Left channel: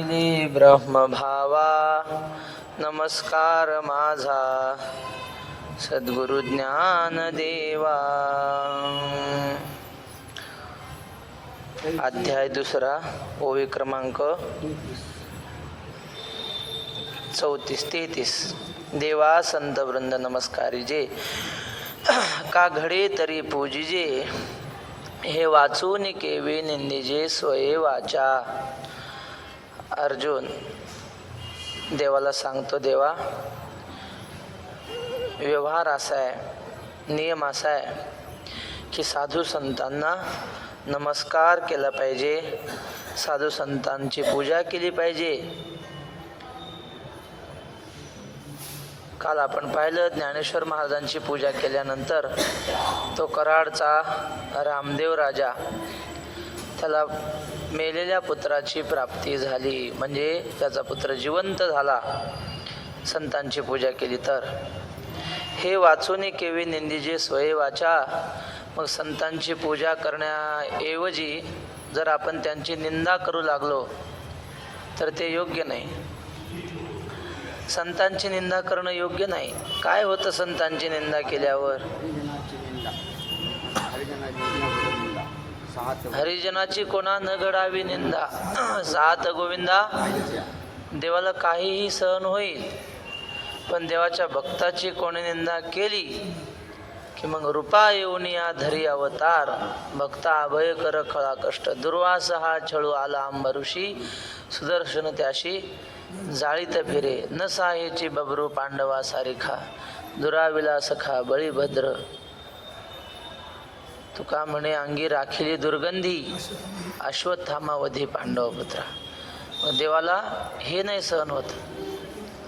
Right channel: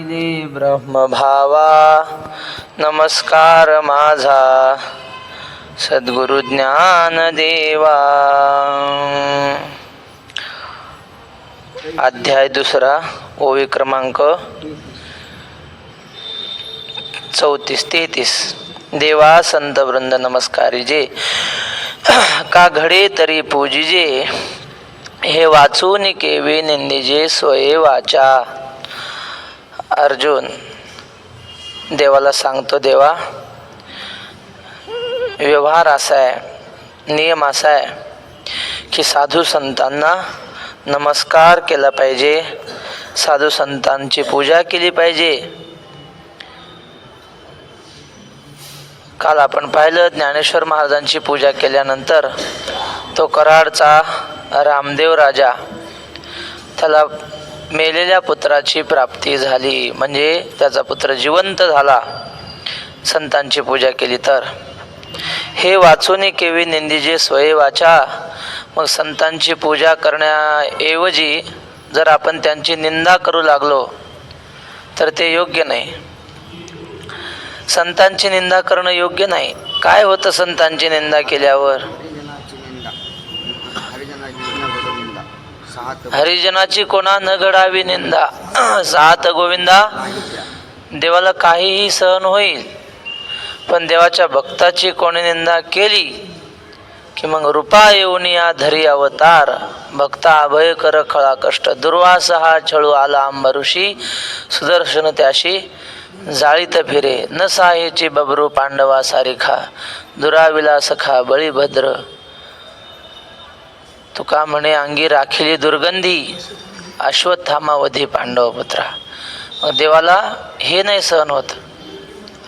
ब्रह्मभावा नमस्कार माझा सद्गुरु ज्ञानदेवा. अध्याय दुसरा, ओवी क्रमांक 34-33. देवा संत वृंद नमस्कारी जे, का घडे तरी पूजिजे, हे वाचून केवी निंदिजे स्वये वाचा. अर्जुन देवाला सांगतो, देवा व्यवहार असा आहे, नियम असा आहे की साधू संतांना नमस्कार केला पाहिजे, साधू संतांची पूजा केली पाहिजे. काल आपण पाहिलं, ज्ञानेश्वर महाराजांची पूजा केल्यानंतर तो कराडचा रामदेव राजा, त्याला मेलेल्या पुत्राची प्राप्ती झाली, म्हणजे त्याचा पुत्र जिवंत झाला संतांची पूजा केली तर. हे वाचून केवी निंदिजे स्वये वाचा. मग संतांची पूजा करण्याऐवजी जर आपण त्यांची निंदा करू लागलो तर ते योग्य नाही. संतांची निंदा करणं योग्य नाही. काय होतं संतांची निंदा केल्यावर? हरिजनाची कोणा न घडावी निंदा. सात गोविंदा. देवाला काहीही सहन होईल, पण देवाच्या भक्ताची कोणी निंदा केली की मग रूपा येऊन या धरी अवतार. भक्ता अभय कर खळा कष्ट, दुर्वास हा छळू आला अंबऋषी, सुदर्शन त्याशी जाळीत फिरे, न साहेची बबरू पांडवा सारिखा, दुराविला सखा बळीभद्र. तुका म्हणे अंगी राखिली दुर्गंधी, अश्वत्थामावधी पांडव पुत्रा. मग देवाला हे नाही सहन होत.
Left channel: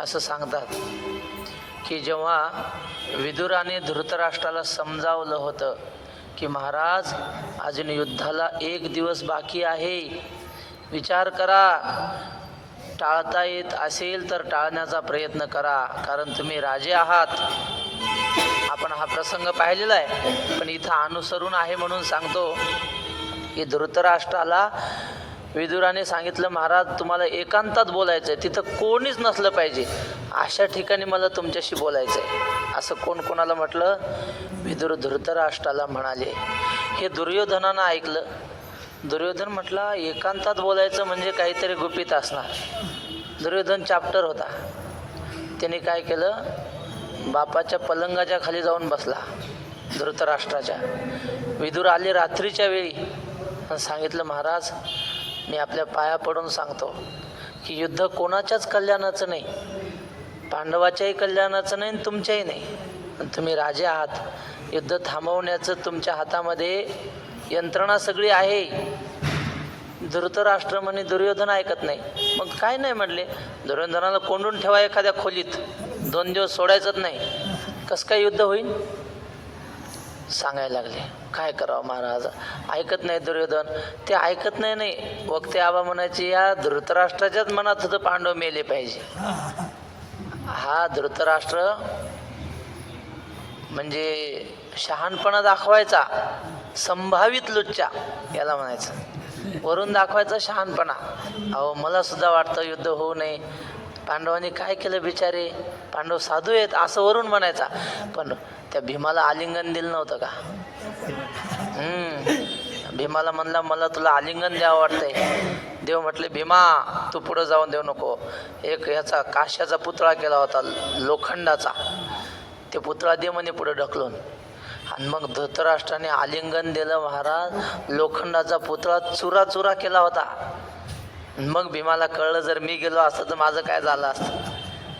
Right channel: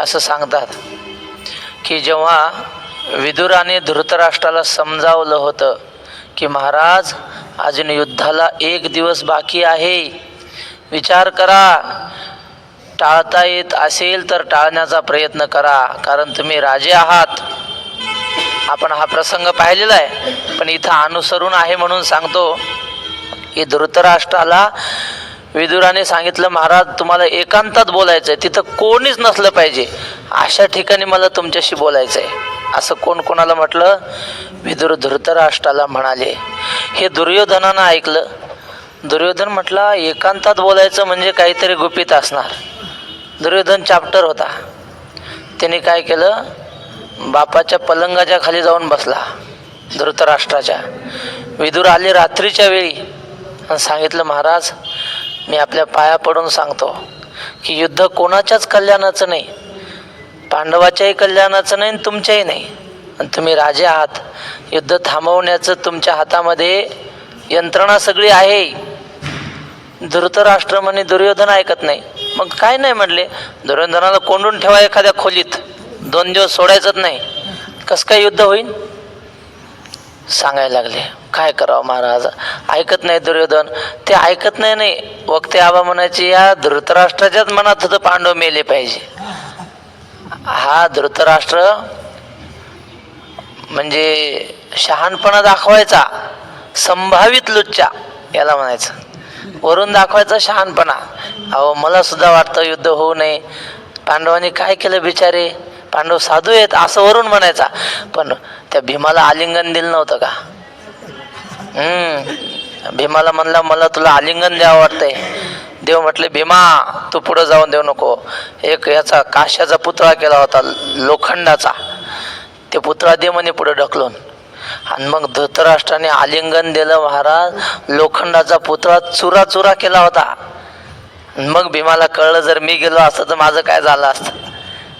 असं सांगतात की जेव्हा विदुराने धृतराष्ट्राला समजावलं होतं की महाराज अजून युद्धाला 1 दिवस बाकी आहे, विचार करा, टाळता येत असेल तर टाळण्याचा प्रयत्न करा, कारण तुम्ही राजे आहात. आपण हा प्रसंग पाहिलेला आहे, पण इथं अनुसरून आहे म्हणून सांगतो की धृतराष्ट्राला विदुराने सांगितलं, महाराज तुम्हाला एकांतात बोलायचंय, तिथं कोणीच नसलं पाहिजे, अशा ठिकाणी मला तुमच्याशी बोलायचंय. असं कोण कोणाला म्हटलं? विदुर धृतराष्ट्राला म्हणाले. हे दुर्योधनानं ऐकलं. दुर्योधन म्हटला, एकांतात बोलायचं म्हणजे काहीतरी गुपित असणार. दुर्योधन चॅप्टर होता. त्याने काय केलं, बापाच्या पलंगाच्या खाली जाऊन बसला धृतराष्ट्राच्या. विदुर आले रात्रीच्या वेळी आणि सांगितलं, महाराज मी आपल्या पाया पडून सांगतो की युद्ध कोणाच्याच कल्याणाचं नाही, पांडवाच्याही कल्याणाचं नाही, तुमच्याही नाही. आणि तुम्ही राजे आहात, युद्ध थांबवण्याचं तुमच्या हातामध्ये यंत्रणा सगळी आहे. धृतराष्ट्र म्हणे दुर्योधन ऐकत नाही. मग काय नाही म्हणले, दुर्योधनाला कोंडून ठेवा एखाद्या खोलीत, 2 दिवस सोडायचंच नाही, कसं काय युद्ध होईल सांगायला लागले. काय करावं महाराज, ऐकत नाही दुर्योधन. ते ऐकत नाही वक्ते आबा म्हणायचे, या धृतराष्ट्राच्याच मनात होतं पांडव मेले पाहिजे. हा धृतराष्ट्र म्हणजे शहाणपणा दाखवायचा, संभावित लुच्चा याला म्हणायचं, वरून दाखवायचा शहाणपणा. अहो मला सुद्धा वाटतं युद्ध होऊ नये, पांडवांनी काय केलं बिचारे, पांडव साधू आहेत असं वरून म्हणायचा. पण त्या भीमाला आलिंगन दिलं नव्हतं का? भीमाला म्हणला, मला तुला आलिंगन द्यावं वाटतंय. देव म्हटले, भीमा तू पुढं जाऊन देऊ नको. एक याचा काश्याचा पुतळा केला होता लोखंडाचा, ते पुतळा दे म्हणे पुढे ढकलून. आणि मग धृतराष्ट्राने आलिंगन दिलं. महाराज लोखंडाचा पुतळा चुरा चुरा केला होता. मग भीमाला कळलं, जर मी गेलो असतं तर माझं काय झालं असतं.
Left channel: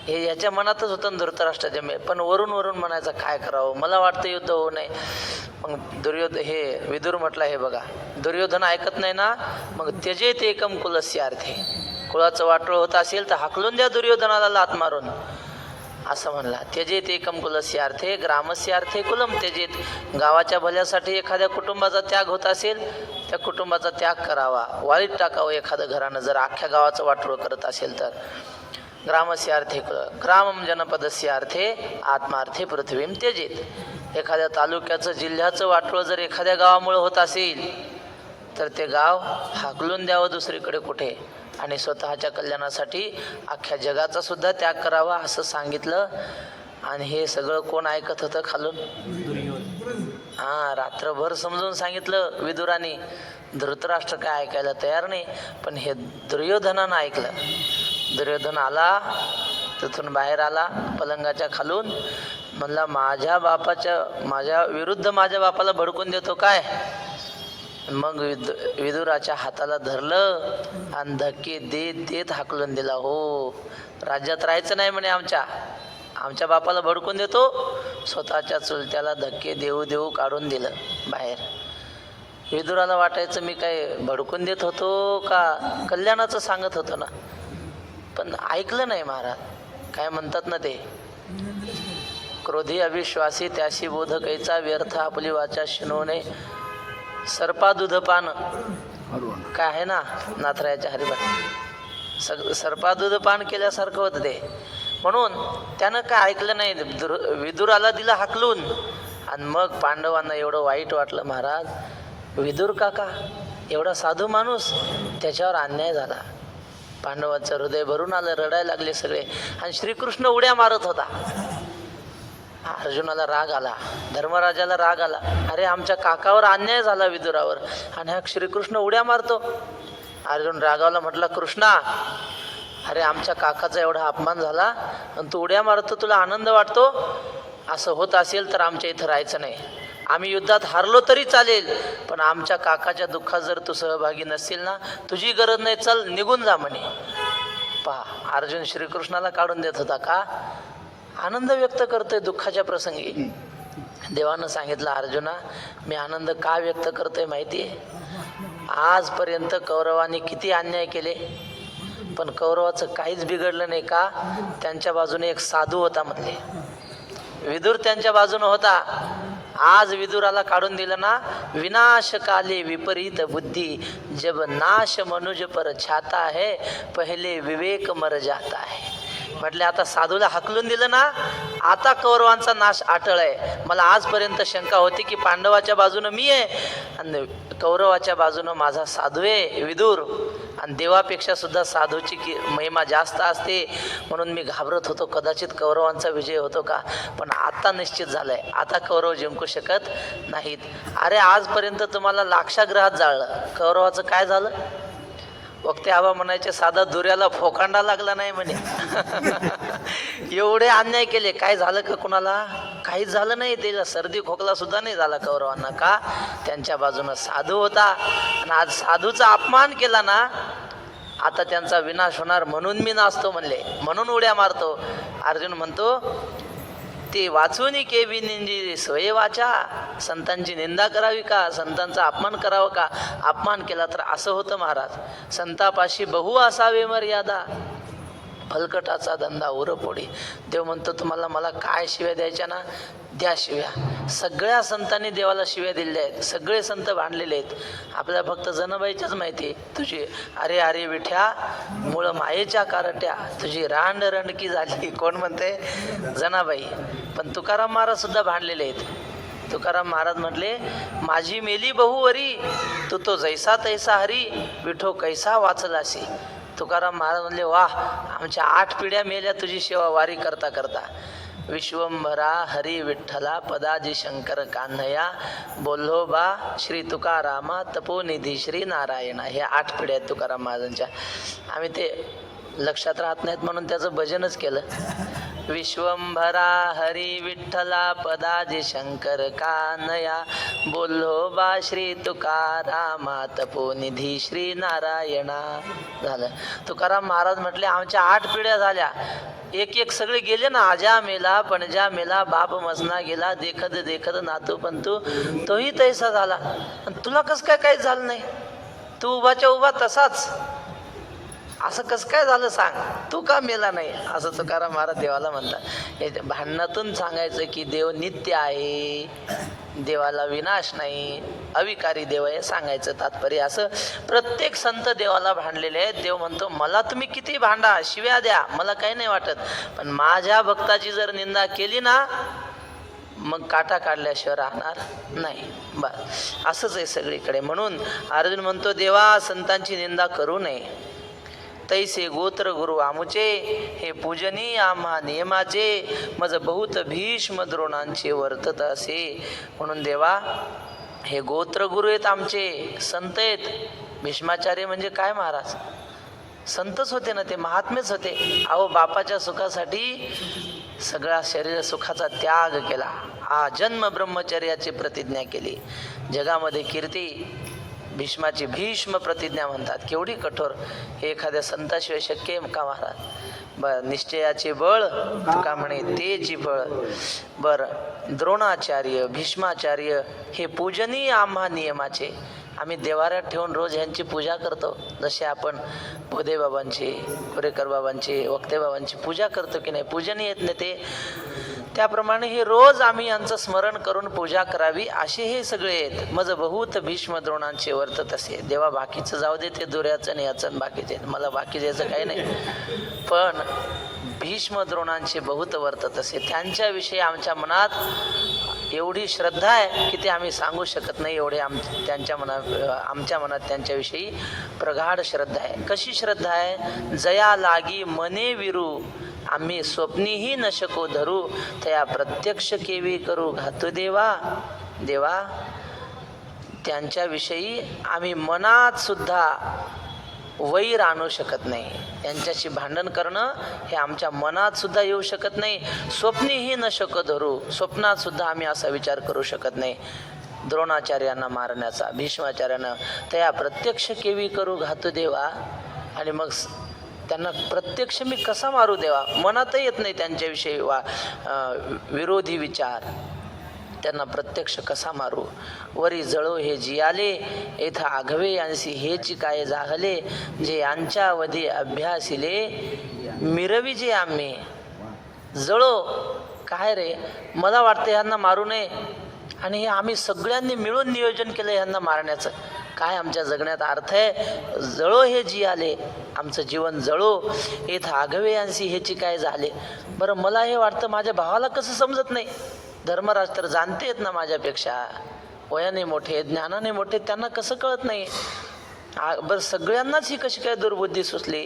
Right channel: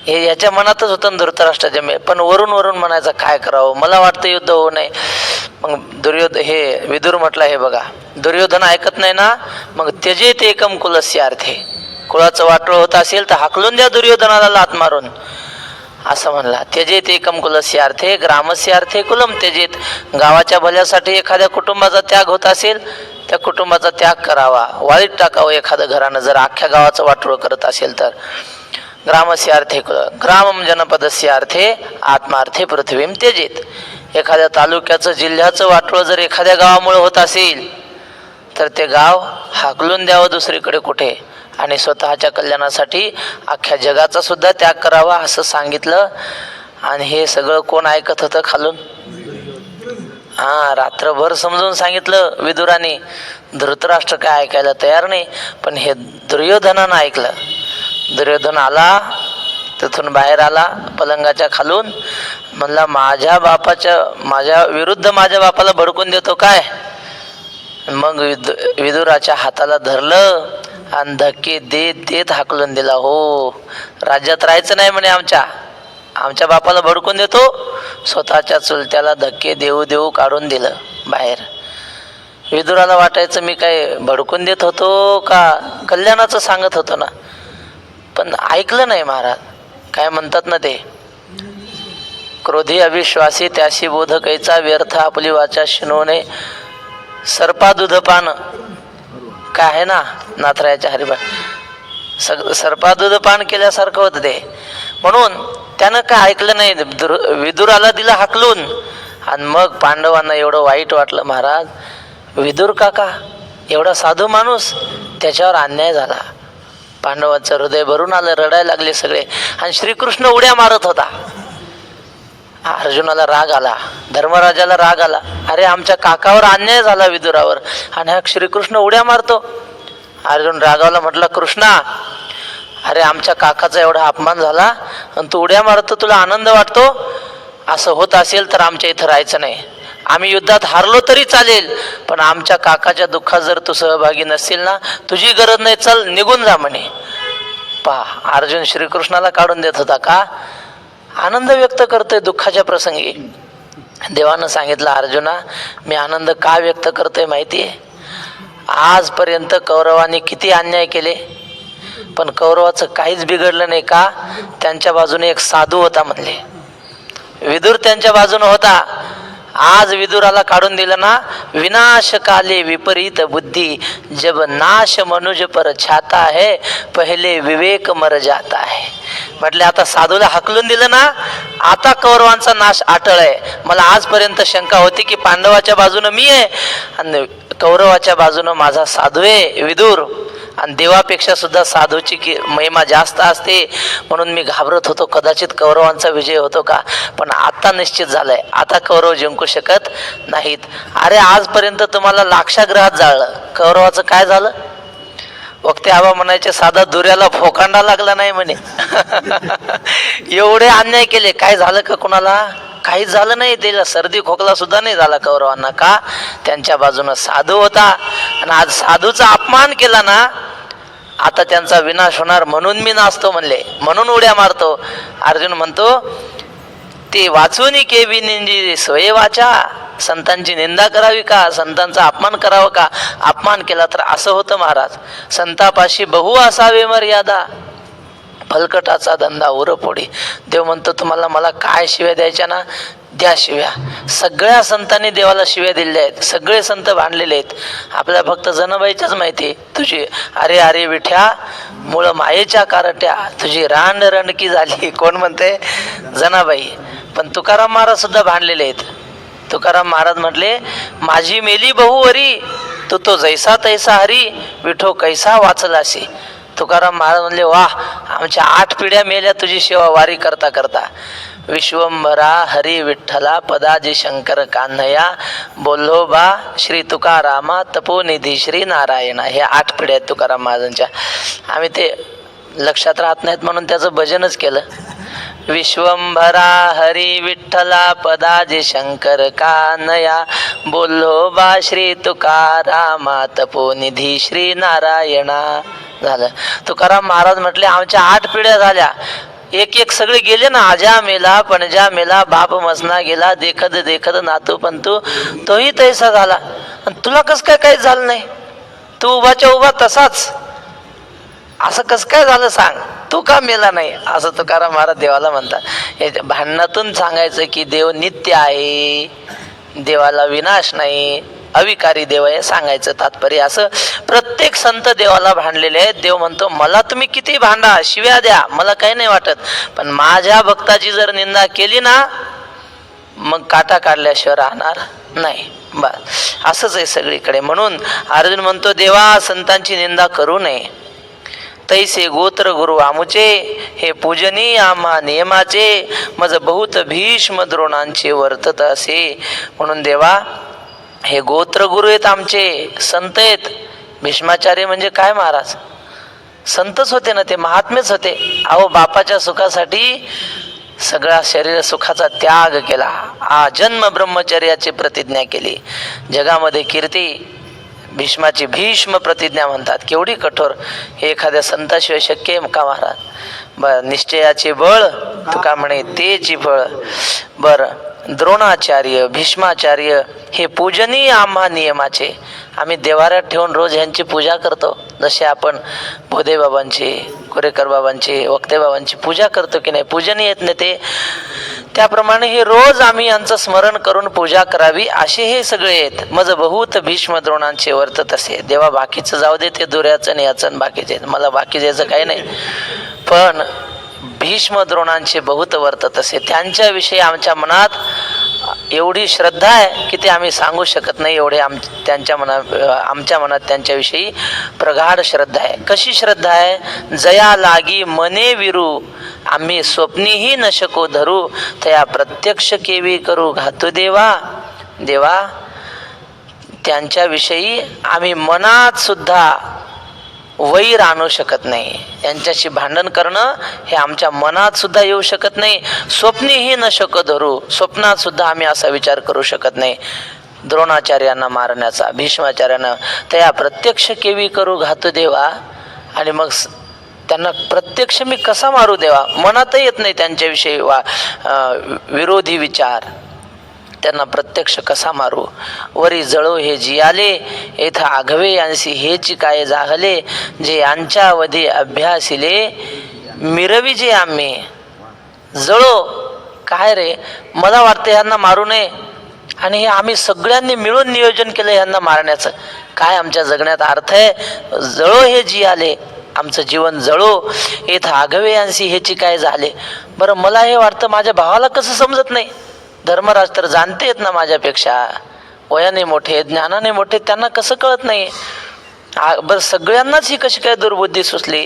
हे याच्या मनातच होतं धृतराष्ट्राच्या. पण वरून वरून म्हणायचं, काय करावं, मला वाटतं युद्ध होऊ नये. मग हे विदुर म्हटलं, हे बघा दुर्योधन ऐकत नाही ना, मग त्यजेत एकम कुलस्य अर्थे. कुळाचं वाटोळ होत असेल तर हाकलून द्या दुर्योधनाला लात मारून, असं म्हणला. त्यजेत एकम कुलस्य अर्थे ग्रामस्य अर्थे कुलम त्यजेत. गावाच्या भल्यासाठी एखाद्या कुटुंबाचा त्याग होत असेल, त्या कुटुंबाचा त्याग करावा, वाळीत टाकावं एखादं घरानं, जर अख्ख्या गावाचं वाटोळ करत असेल तर. ग्रामस्य अर्थे ग्रामम जनपदस्य अर्थे आत्मार्थे पृथ्वीम त्यजेत. एखाद्या तालुक्याचं जिल्ह्याचं वाटोळ जर एखाद्या गावामुळे होत असेल तर ते गाव हाकलून द्यावं दुसरीकडे कुठे आणि स्वतःच्या कल्याणासाठी अख्ख्या जगाचा सुद्धा त्याग करावा असं सांगितलं. आणि हे सगळं कोण ऐकत होतं खालून? रात्रभर समजून सांगितलं विदुराने. धृतराष्ट्र काय ऐकायला तयार नाही, पण हे दुर्योधनानं ऐकलं. दुर्योधन आला, तिथून बाहेर आला पलंगाच्या खालून, म्हणला माझ्या विरुद्ध माझ्या बापाला भडकून देतो काय? मग विदुराच्या हाताला धरलं आणि धक्के देत देत हाकलून दिला. हो, राज्यात राहायचं नाही म्हणे, आमच्या बापाला भडकून देतो. स्वतःच्या चुलत्याला धक्के देऊ देऊ काढून दिलं बाहेर. विदुराला वाटायचं मी काय भडकून देत होतो का कल्याणाचं सांगत होतो ना, पण ऐकलं नाही महाराज. काय म्हणतात ना ते, क्रोधी अविश्वासी त्याशी बोधकैचा व्यर्थ आपली वाचा शिनवणे सर्पा दूधपान. काय आहे ना नाथरायाच्या हरिभट, सर्पा दूधपान केल्यासारखं होतं ते. म्हणून त्यानं काय ऐकलं नाही, विदुराला दिला हाकलून. आणि मग पांडवांना एवढं वाईट वाटलं महाराज, विदुर काका एवढा साधू माणूस, त्याच्यावर अन्याय झाला. पांडवांचं हृदय भरून आलं, रडायला लागले सगळे. आणि श्रीकृष्ण उड्या मारत होता. अर्जुनाला राग आला, धर्मराजाला राग आला, अरे आमच्या काकावर अन्याय झाला विदुरावर, आणि हा श्रीकृष्ण उड्या मारतो. अर्जुन रागावला, म्हटलं कृष्णा अरे आमच्या काकाचा एवढा अपमान झाला आणि तू उड्या मारतो, तुला आनंद वाटतो? असं होत असेल तर आमच्या इथं राहायचं नाही. आम्ही युद्धात हारलो तरी चालेल, पण आमच्या काकाच्या दुःखात जर तू सहभागी नसशील ना, तुझी गरज नाही, चल निघून जा म्हणे. पहा, अर्जुन श्रीकृष्णाला काढून देत होता का? आनंद व्यक्त करतोय दुःखाच्या प्रसंगी. देवानं सांगितलं, अर्जुना मी आनंद का व्यक्त करतोय माहितीये? आजपर्यंत कौरवांनी किती अन्याय केले, पण कौरवाचं काहीच बिघडलं नाही का? त्यांच्या बाजूने एक साधू होता म्हणले. विदुर त्यांच्या बाजूने होता. आज विदुराला काढून दिलं ना, विनाश काले विपरीत बुद्धी, जब नाश मनुज पर छाता है, पहिले विवेक मर जाता है. म्हटले आता साधूला हकलून दिलं ना, आता कौरवांचा नाश अटळ आहे. मला आजपर्यंत शंका होती की पांडवाच्या बाजूनं मी आहे आणि कौरवाच्या बाजूनं माझा साधू आहे विदुर, आणि देवापेक्षा सुद्धा साधूची महिमा जास्त असते. म्हणून मी घाबरत होतो कदाचित कौरवांचा विजय होतो का, पण आता निश्चित झालंय, आता कौरव जिंकू शकत नाहीत. अरे आजपर्यंत तुम्हाला लाक्षागृहात जाळलं, कौरवाचं काय झालं? वक्ते आबा म्हणायचे साधा दुऱ्याला फोकांडा लागला नाही म्हणे. एवढे अन्याय केले, काय झालं का कुणाला? काहीच झालं नाही. त्याला सर्दी खोकला सुद्धा नाही झाला कौरवांना. का? त्यांच्या बाजूनं साधू होता. आणि आज साधूचा अपमान केला ना, आता त्यांचा विनाश होणार म्हणून मी नाचतो म्हणले, म्हणून उड्या मारतो. अर्जुन म्हणतो ते वाचून केवी निंजी स्वये वाचा, संतांची निंदा करावी का, संतांचा अपमान करावा का? अपमान केला तर असं होतं महाराज, संतापाशी बहु असावे मर्यादा, फलकटाचा धंदा उरपोडी. देव म्हणतो तुम्हाला मला काय शिव्या द्यायच्या ना, द्या शिव्या. सगळ्या संतांनी देवाला शिव्या दिलेल्या आहेत, सगळे संत भांडलेले आहेत. आपल्या फक्त जनाबाईच्याच माहिती तुझी अरे अरे विठ्या मूळ मायेच्या कारट्या, तुझी रांड रणकी झाली. कोण म्हणते? जनाबाई. पण तुकाराम महाराज सुद्धा भांडलेले आहेत. तुकाराम महाराज म्हटले माझी मेली बहुवरी, तू तो जैसा तैसा हरी, विठो कैसा वाचलासी. तुकाराम महाराज म्हणले वाह, आमच्या 8 पिढ्या मेल्या तुझी सेवा वारी करता करता. विश्वंभरा हरी विठ्ठला पदाजी शंकर कान्हया, बोल्होबा श्री तुकारामा तपोनिधी श्री नारायणा. हे 8 पिढ्या आहेत तुकाराम महाराजांच्या. आम्ही ते लक्षात राहत नाहीत म्हणून त्याचं भजनच केलं. विश्वंभरा हरी विठ्ठला पदाजी शंकर कान्हया, बोल्होबा श्री तुकारामा तपोनिधी श्री नारायणा. झालं. तुकाराम महाराज म्हटले आमच्या 8 पिढ्या झाल्या, एक एक सगळे गेले ना. आजा मेला, पणजा मेला, बाप मसना गेला, देखत देखत नातू पंतू तोही तैसा झाला. आणि तुला कस काय काहीच झालं नाही? तू उभाच्या उभा तसाच. असं कस काय झालं सांग, तू का मेला नाही? असं तुकाराम महाराज देवाला म्हणतात. हे भांडणातून सांगायचं की देव नित्य आहे, देवाला विनाश नाही, अविकारी देव आहे सांगायचं तात्पर्य. असं प्रत्येक संत देवाला भांडलेले आहेत. देव म्हणतो मला तुम्ही किती भांडा, शिव्या द्या, मला काही नाही वाटत, पण माझ्या भक्ताची जर निंदा केली ना, मग काटा काढल्याशिवाय राहणार नाही. बस असंच आहे सगळीकडे. म्हणून अर्जुन म्हणतो देवा संतांची निंदा करू नये. तैसे गोत्र गुरु आमुचे हे पूजनीय आम्हा नियमाचे मज बहुत भीष्म द्रोणांचे वर्तत असे. म्हणून देवा हे गोत्र गुरु आहेत, आमचे संत आहेत. भीष्माचार्य म्हणजे काय महाराज? संतच होते ना ते, महात्मेच होते. अहो बापाच्या सुखासाठी सगळा शरीर सुखाचा त्याग केला, आजन्म ब्रह्मचर्याची प्रतिज्ञा केली. जगामध्ये कीर्ती भीष्माची भीष्म प्रतिज्ञा म्हणतात. केवढी कठोर, हे एखाद्या संताशिवाय शक्य आहे का महाराज? निश्चयाचे बळ तुका म्हणे तेची फळ. द्रोणाचार्य भीष्माचार्य हे पूजनीय आम्हा नियमाचे. आम्ही देवाऱ्यात ठेवून रोज ह्यांची पूजा करतो. जसे आपण बोधे बाबांची, कोरेकर बाबांची, वक्ते बाबांची पूजा करतो की नाही, पूजनीय आहेत ना ते, त्याप्रमाणे हे रोज आम्ही यांचं स्मरण करून पूजा करावी असे हे सगळे आहेत. मज बहुत भीष्म द्रोणांचे वर्तत असे. देवा बाकीचं जाऊ दे, ते दुर्याचं याचं बाकीचे, मला बाकी द्यायचं काही नाही, पण भीष्म द्रोणांचे बहुत वर्तत असे. त्यांच्याविषयी आमच्या मनात एवढी श्रद्धा आहे की ते आम्ही सांगू शकत नाही. एवढे आमच्या मनात त्यांच्याविषयी प्रगाढ श्रद्धा आहे. कशी श्रद्धा आहे? जया लागी मने विरू आम्ही स्वप्नीही न शको धरू तया प्रत्यक्ष केवी करू घातू देवा. देवा त्यांच्याविषयी आम्ही मनात सुद्धा वैर आणू शकत नाही. यांच्याशी भांडण करणं हे आमच्या मनात सुद्धा येऊ शकत नाही. स्वप्नीही न शको धरू, स्वप्नात सुद्धा आम्ही असा विचार करू शकत नाही द्रोणाचार्यांना मारण्याचा, भीष्माचार्यांना. तया प्रत्यक्ष केवी करू घातू देवा. आणि मग त्यांना प्रत्यक्ष मी कसा मारू देवा? मनातही येत नाही त्यांच्याविषयी विरोधी विचार. त्यांना प्रत्यक्ष कसा मारू? वरी जळो हे जियाले येथा आघवे यांसी हेची काय जाहले जे यांच्या अवधी अभ्यासिले मिरवी जे आम्ही. जळो काय रे? मला वाटतं ह्यांना मारू नये, आणि हे आम्ही सगळ्यांनी मिळून नियोजन केलं ह्यांना मारण्याचं. काय आमच्या जगण्यात अर्थ आहे? जळो हे जियाले, आमचं जीवन जळो. येथ आघवे यांसी हेची काय झाले. बरं मला हे वाटतं माझ्या भावाला कसं समजत नाही? धर्मराज तर जाणते आहेत ना माझ्यापेक्षा, वयाने मोठे ज्ञानाने मोठे, त्यांना कसं कळत नाही? बरं सगळ्यांनाच ही कशी काय दुर्बुद्धी सुचली?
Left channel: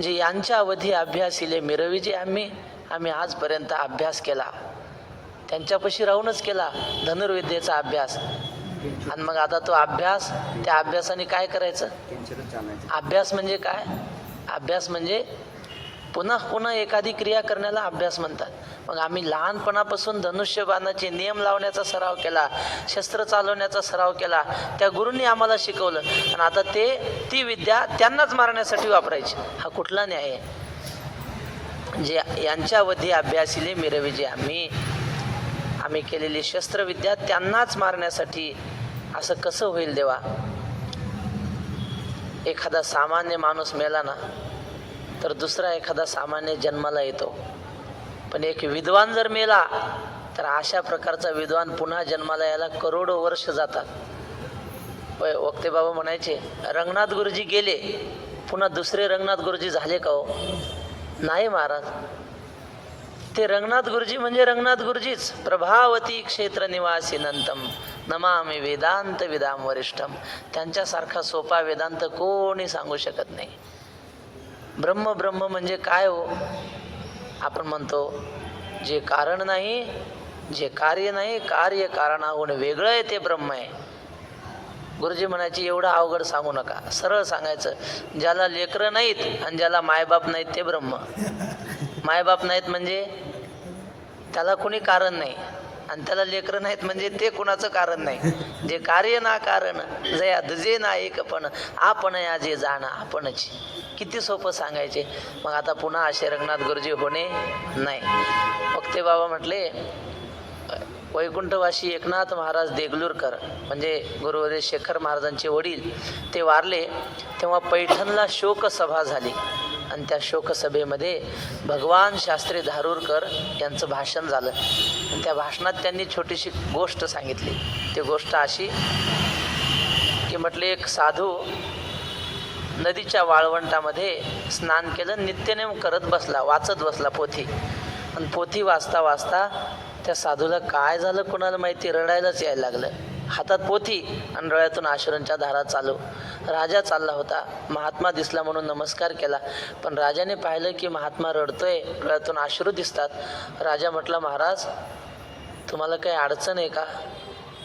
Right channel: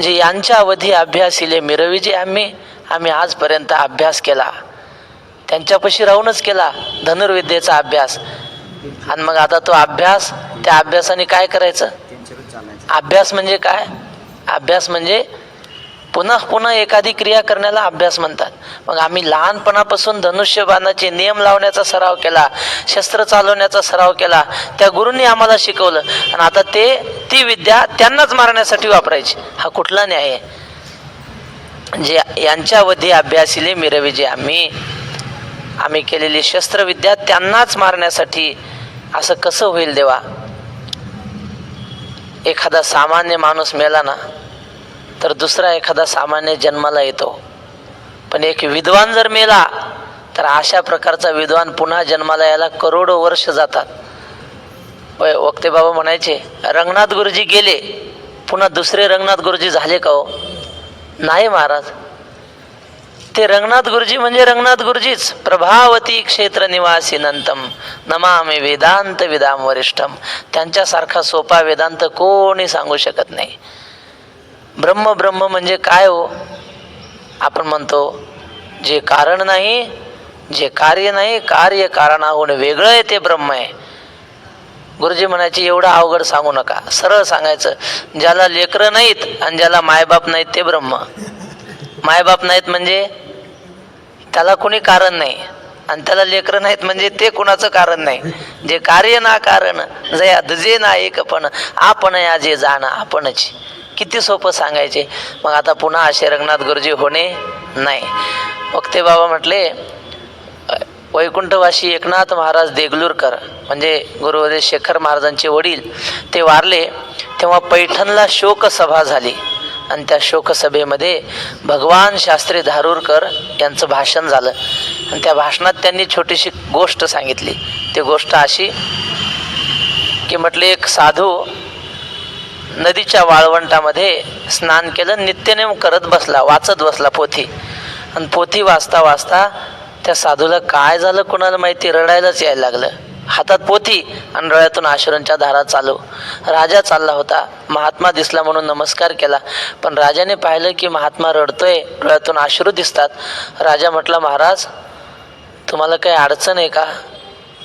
जे यांच्या अवधी अभ्यासिले मिरवीजे आम्ही आजपर्यंत अभ्यास केला, त्यांच्यापाशी राहूनच केला धनुर्विद्येचा अभ्यास. आणि मग आता तो अभ्यास, त्या अभ्यासाने काय करायचं? अभ्यास म्हणजे काय? अभ्यास म्हणजे पुन्हा पुन्हा एखादी क्रिया करण्याला अभ्यास म्हणतात. मग आम्ही लहानपणापासून धनुष्यबाणाचे नियम लावण्याचा सराव केला, शस्त्र चालवण्याचा सराव केला, त्या गुरूंनी आम्हाला शिकवलं, आणि आता ती विद्या त्यांनाच मारण्यासाठी वापरायची. हा कुठला न्याय आहे? जे यांच्यावधी अभ्यासिले मिरविजे आम्ही केलेली शस्त्रविद्या त्यांनाच मारण्यासाठी, असं कसं होईल देवा? एखादा सामान्य माणूस मेला ना तर दुसरा एखादा सामान्य जन्माला येतो, पण एक विद्वान जर मेला तर अशा प्रकारचा विद्वान पुन्हा जन्माला यायला करोडो वर्ष जातात. वक्ते बाबा म्हणायचे रंगनाथ गुरुजी गेले, पुन्हा दुसरे रंगनाथ गुरुजी झाले का हो? नाही महाराज, ते रंगनाथ गुरुजी म्हणजे रंगनाथ गुरुजीच. प्रभावती क्षेत्र निवासी नंतम नमामि वेदांत विदाम वरिष्ठम. त्यांच्यासारखा सोपा वेदांत कोणी सांगू शकत नाही. ब्रह्म म्हणजे काय हो? आपण म्हणतो जे कारण नाही, जे कार्य नाही, कार्य कारणाहून वेगळं आहे ते ब्रह्म आहे. गुरुजी म्हणायचे एवढं अवघड सांगू नका, सरळ सांगायचं. ज्याला लेकरं नाहीत आणि ज्याला मायबाप नाहीत ते ब्रह्म. मायबाप नाहीत म्हणजे त्याला कोणी कारण नाही, आणि त्याला लेकरं नाहीत म्हणजे ते कुणाचं कारण नाही. जे कार्य ना कारण जया दुजे ना एकपण आपण या जे जाणं आपणच. किती सोपं सांगायचे. मग आता पुन्हा असे रंगनाथ गुरुजी होणे नाही. वक्ते बाबा म्हटले वैकुंठवासी एकनाथ महाराज देगलूरकर म्हणजे गुरुदेव शेखर महाराजांचे वडील, ते वारले तेव्हा पैठणला शोकसभा झाली, आणि त्या शोकसभेमध्ये भगवान शास्त्री धारूरकर यांचं भाषण झालं, आणि त्या भाषणात त्यांनी छोटीशी गोष्ट सांगितली. ती गोष्ट अशी की म्हटले एक साधू नदीच्या वाळवंटामध्ये स्नान केलं, नित्यनेम करत बसला, वाचत बसला पोथी, आणि पोथी वाचता वाचता त्या साधूला काय झालं कोणाला माहिती, रडायलाच यायला लागलं. हातात पोथी आणि डोळ्यातून अश्रूंच्या धारा चालू. राजा चालला होता. महात्मा दिसला म्हणून नमस्कार केला, पण राजाने पाहिलं की महात्मा रडतोय, डोळ्यातून अश्रू दिसतात. राजा म्हटला, महाराज तुम्हाला काही अडचण आहे का?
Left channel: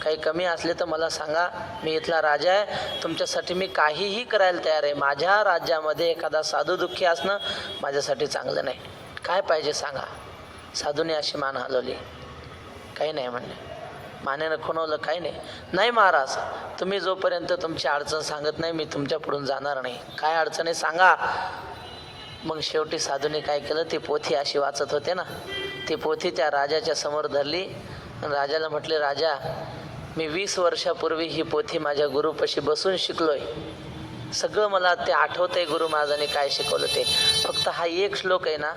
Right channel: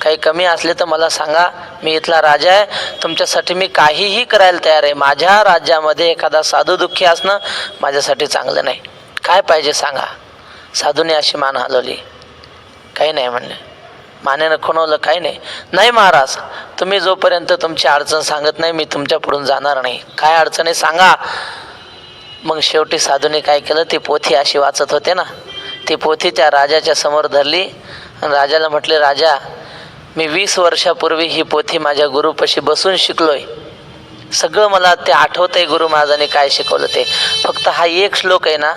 काही कमी असले तर मला सांगा, मी इथला राजा आहे, तुमच्यासाठी मी काहीही करायला तयार आहे. माझ्या राज्यामध्ये एखादा साधू दुःखी असणं माझ्यासाठी चांगलं नाही. काय पाहिजे सांगा. साधूने अशी मान हलवली. काही नाही म्हणले. मानेनं खुणवलं, काही नाही. नाही महाराज, तुम्ही जोपर्यंत तुमची अडचण सांगत नाही मी तुमच्या पुढून जाणार नाही. काय अडचण आहे सांगा. मग शेवटी साधूने काय केलं, ती पोथी अशी वाचत होते ना, ती पोथी त्या राजाच्या समोर धरली आणि राजाला म्हटले, राजा मी 20 वर्षापूर्वी ही पोथी माझ्या गुरुपाशी बसून शिकलोय. सगळं मला ते आठवतंय गुरु महाराजांनी काय शिकवलं ते. फक्त हा एक श्लोक आहे ना,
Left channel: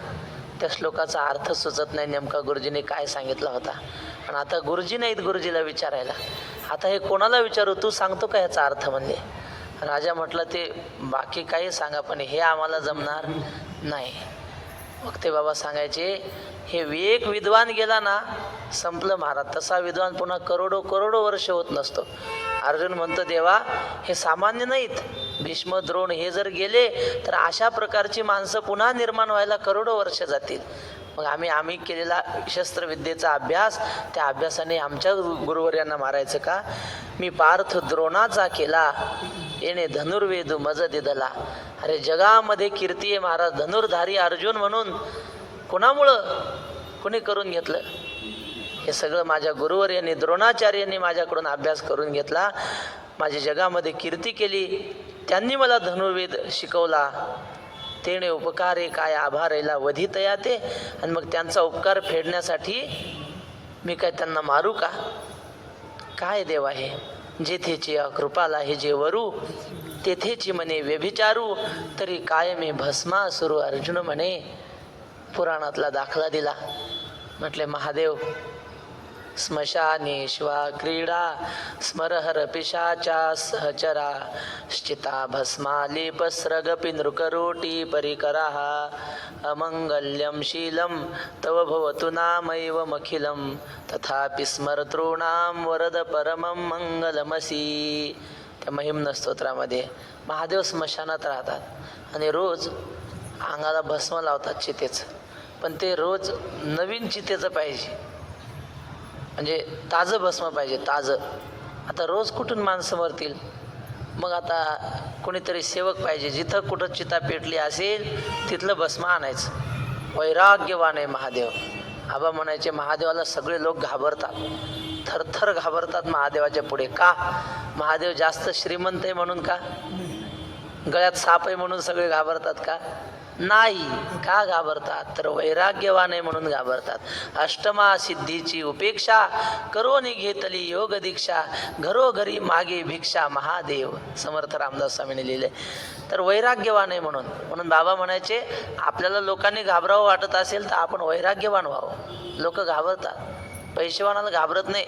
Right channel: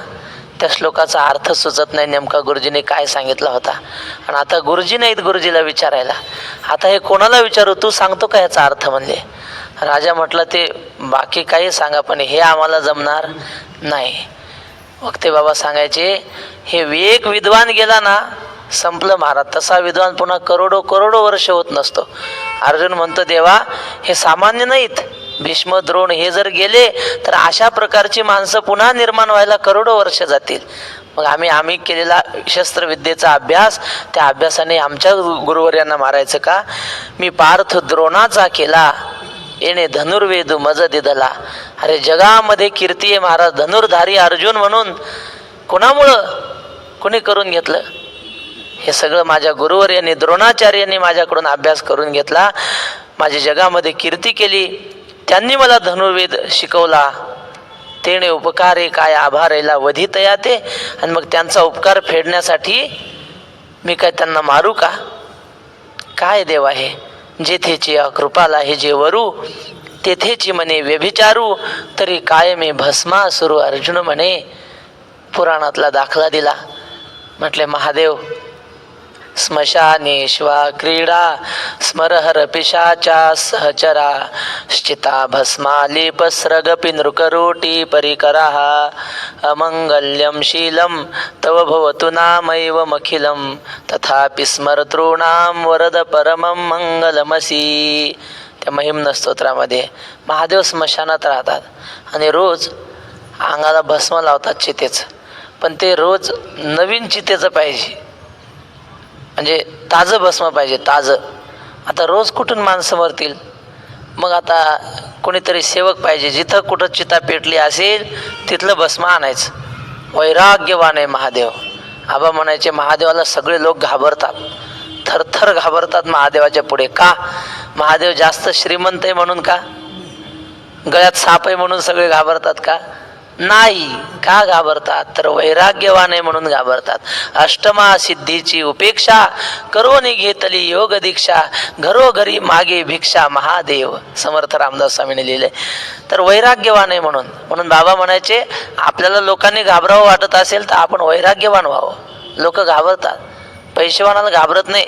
त्या श्लोकाचा अर्थ सुचत नाही नेमका गुरुजीने काय सांगितला होता. आणि आता गुरुजी नाहीत गुरुजीला विचारायला. आता हे कोणाला विचारू, तू सांगतो का ह्याचा अर्थ म्हणले. राजा म्हटलं, ते बाकी काही सांगा पण हे आम्हाला जमणार नाही. वक्ते बाबा सांगायचे, हे एक विद्वान गेला ना संपलं महाराज. तसा विद्वान पुन्हा करोडो करोडो वर्ष होत नसतो. अर्जुन म्हणतो, देवा हे सामान्य नाहीत, भीष्म द्रोण हे जर गेले तर अशा प्रकारची माणसं पुन्हा निर्माण व्हायला करोडो वर्ष जातील. मग आम्ही केलेला शस्त्रविद्येचा अभ्यास, त्या अभ्यासाने आमच्या गुरुवर्यांना मारायचं का? मी पार्थ द्रोणाचा केला, येणे धनुर्वेदू मज दिदला. अरे जगामध्ये कीर्ती आहे महाराज धनुर्धारी अर्जुन म्हणून. कोणामुळं? कोणी करून घेतलं? हे सगळं माझ्या गुरुवर्यांनी द्रोणाचार्यांनी माझ्याकडून अभ्यास करून घेतला. माझी जगामध्ये कीर्ती केली, त्यांनी मला धनुर्वेद शिकवला. तेणे उपकारे काय आभारेला वधितया ते. आणि मग त्यांचा उपकार फेडण्यासाठी मी काय त्यांना मारू का? काय देवा हे, जेथेची कृपाला हे जे वरू, तेथेची म्हणे व्यभिचारू, तरी काय मी भस्मासुरू अर्जुन म्हणे. पुराणातला दाखला दिला. म्हटले, महादेव स्मशानेश्वा क्रीडा स्मरहर पिशाचा सहचरा श्चिता भस्मालेपस्रगपि नृकरोटी परिकरा अमंगल्यम शीलम तव भवतु नामैव मखिलम तथापि स्मरतॄणाम वरद परमं मंगलमसी. त्या महिम्न स्तोत्रामध्ये महादेव स्मशानात राहतात आणि रोज अंगाला भस्म लावतात चितेचं. पण ते रोज नवीन चितेचं पाहिजे, म्हणजे ताजं भस्म पाहिजे, ताजं. आता रोज कुठून माणसं मरतील? मग आता कोणीतरी सेवक पाहिजे, जिथं कुठं चिता पेटली असेल तिथलं भस्म आणायचं. वैराग्यवान आहे महादेव. आबा म्हणायचे, महादेवाला सगळे लोक घाबरतात, थरथर घाबरतात महादेवाच्या पुढे. का? महादेव जास्त श्रीमंत आहे म्हणून का? गळ्यात साप आहे म्हणून सगळे घाबरतात का? नाही. का घाबरतात? तर वैराग्यवान आहे म्हणून घाबरतात. अष्टमा सिद्धीची उपेक्षा करोनी घेतली योग दीक्षा, घरोघरी मागे भिक्षा महादेव. समर्थ रामदास स्वामीने लिहिले. तर वैराग्यवान आहे म्हणून. म्हणून बाबा म्हणायचे, आपल्याला लोकांनी घाबरावं वाटत असेल तर आपण वैराग्यवान व्हावं. लोक घाबरतात, पैसेवानाला घाबरत नाही.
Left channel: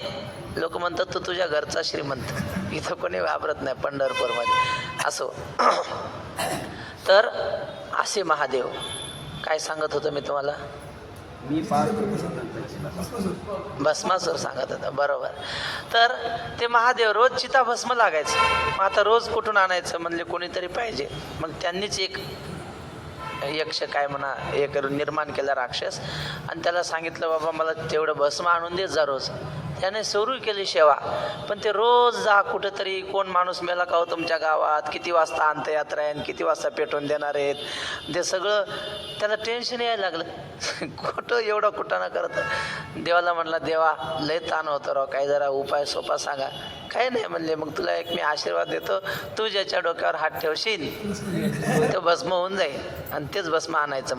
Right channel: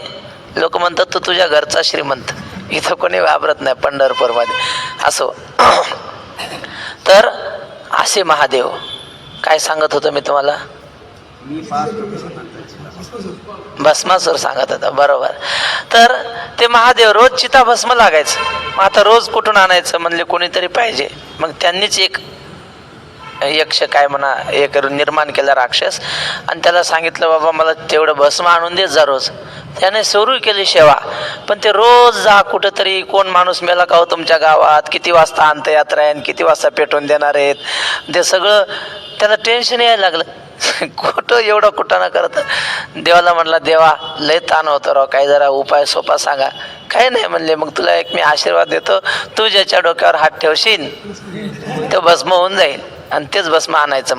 लोक म्हणतात तू तुझ्या घरचा श्रीमंत. इथं कोणी घाबरत नाही पंढरपूरमध्ये. असो. तर असे महादेव. काय सांगत होतो मी तुम्हाला? भस्मासूर सांगत होता, बरोबर. तर ते महादेव रोज चिता भस्म लागायचं. मग आता रोज कुठून आणायचं म्हणले, कोणीतरी पाहिजे. मग त्यांनीच एक यक्ष काय म्हणा एक निर्माण केला राक्षस, आणि त्याला सांगितलं, बाबा मला तेवढं भस्म आणून देत जा रोज. त्याने सुरू केली सेवा. पण ते रोज जा कुठंतरी, कोण माणूस मेला का हो तुमच्या गावात, किती वाजता अंत्ययात्रा आहे, किती वाजता पेटवून देणार आहेत, ते सगळं त्याला टेन्शन यायला लागलं. कुठं एवढं कुठं करत. देवाला म्हणला, देवा लय ताण होतं राव, काही जरा उपाय सोपा सांगा. काही नाही म्हणले, मग तुला एक मी आशीर्वाद देतो, तू ज्याच्या डोक्यावर हात ठेवशील ते भस्म होऊन जाईल, आणि तेच भस्म आणायचं.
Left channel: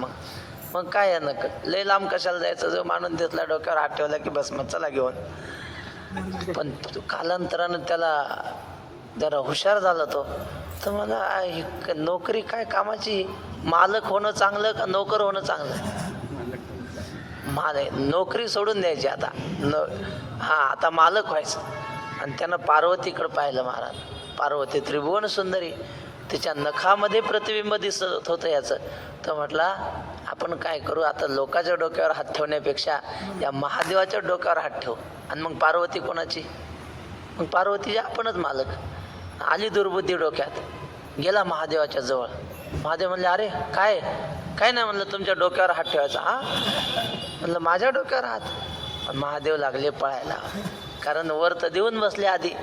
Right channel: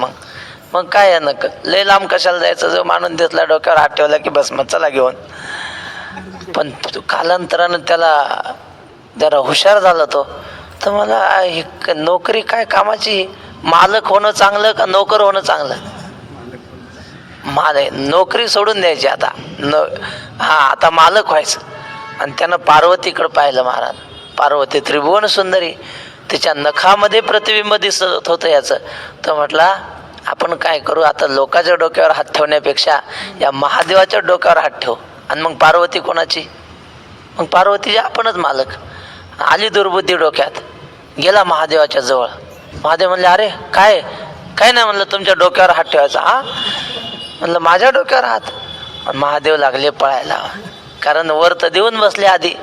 मग काय आहे नक, लय लांब कशाला जायचं, जो मानून देतला डोक्यावर हात ठेवला की भस्म चला घेऊन. पण कालांतरानं त्याला जरा हुशार झाला तो. तर मला ही नोकरी काय कामाची, मालक होणं चांगलं का नोकर होणं चांगलं? नोकरी सोडून द्यायची आता. आता मालक व्हायचं. आणि त्यानं पार्वतीकडे पाहिलं महाराज. पार्वती त्रिभुवन सुंदरी, तिच्या नखामध्ये प्रतिबिंब दिसत होतं याचं. तर म्हटला, आपण काय करू आता, लोकांच्या डोक्यावर हात ठेवण्यापेक्षा या महादेवाच्या डोक्यावर हात ठेव. आणि मग पार्वती कोणाची? मग पार्वतीजी आपणच मालक. आली दुर्बुद्धी डोक्यात, गेला महादेवाच्या जवळ. महादेव म्हणले, अरे काय काय नाही म्हणलं, तुमच्या डोक्यावर हात ठेवायचा. हा म्हणलं, माझ्या डोक्यावर हात? महादेव लागले पळायला, कारण वर तर देऊन बसले आधी.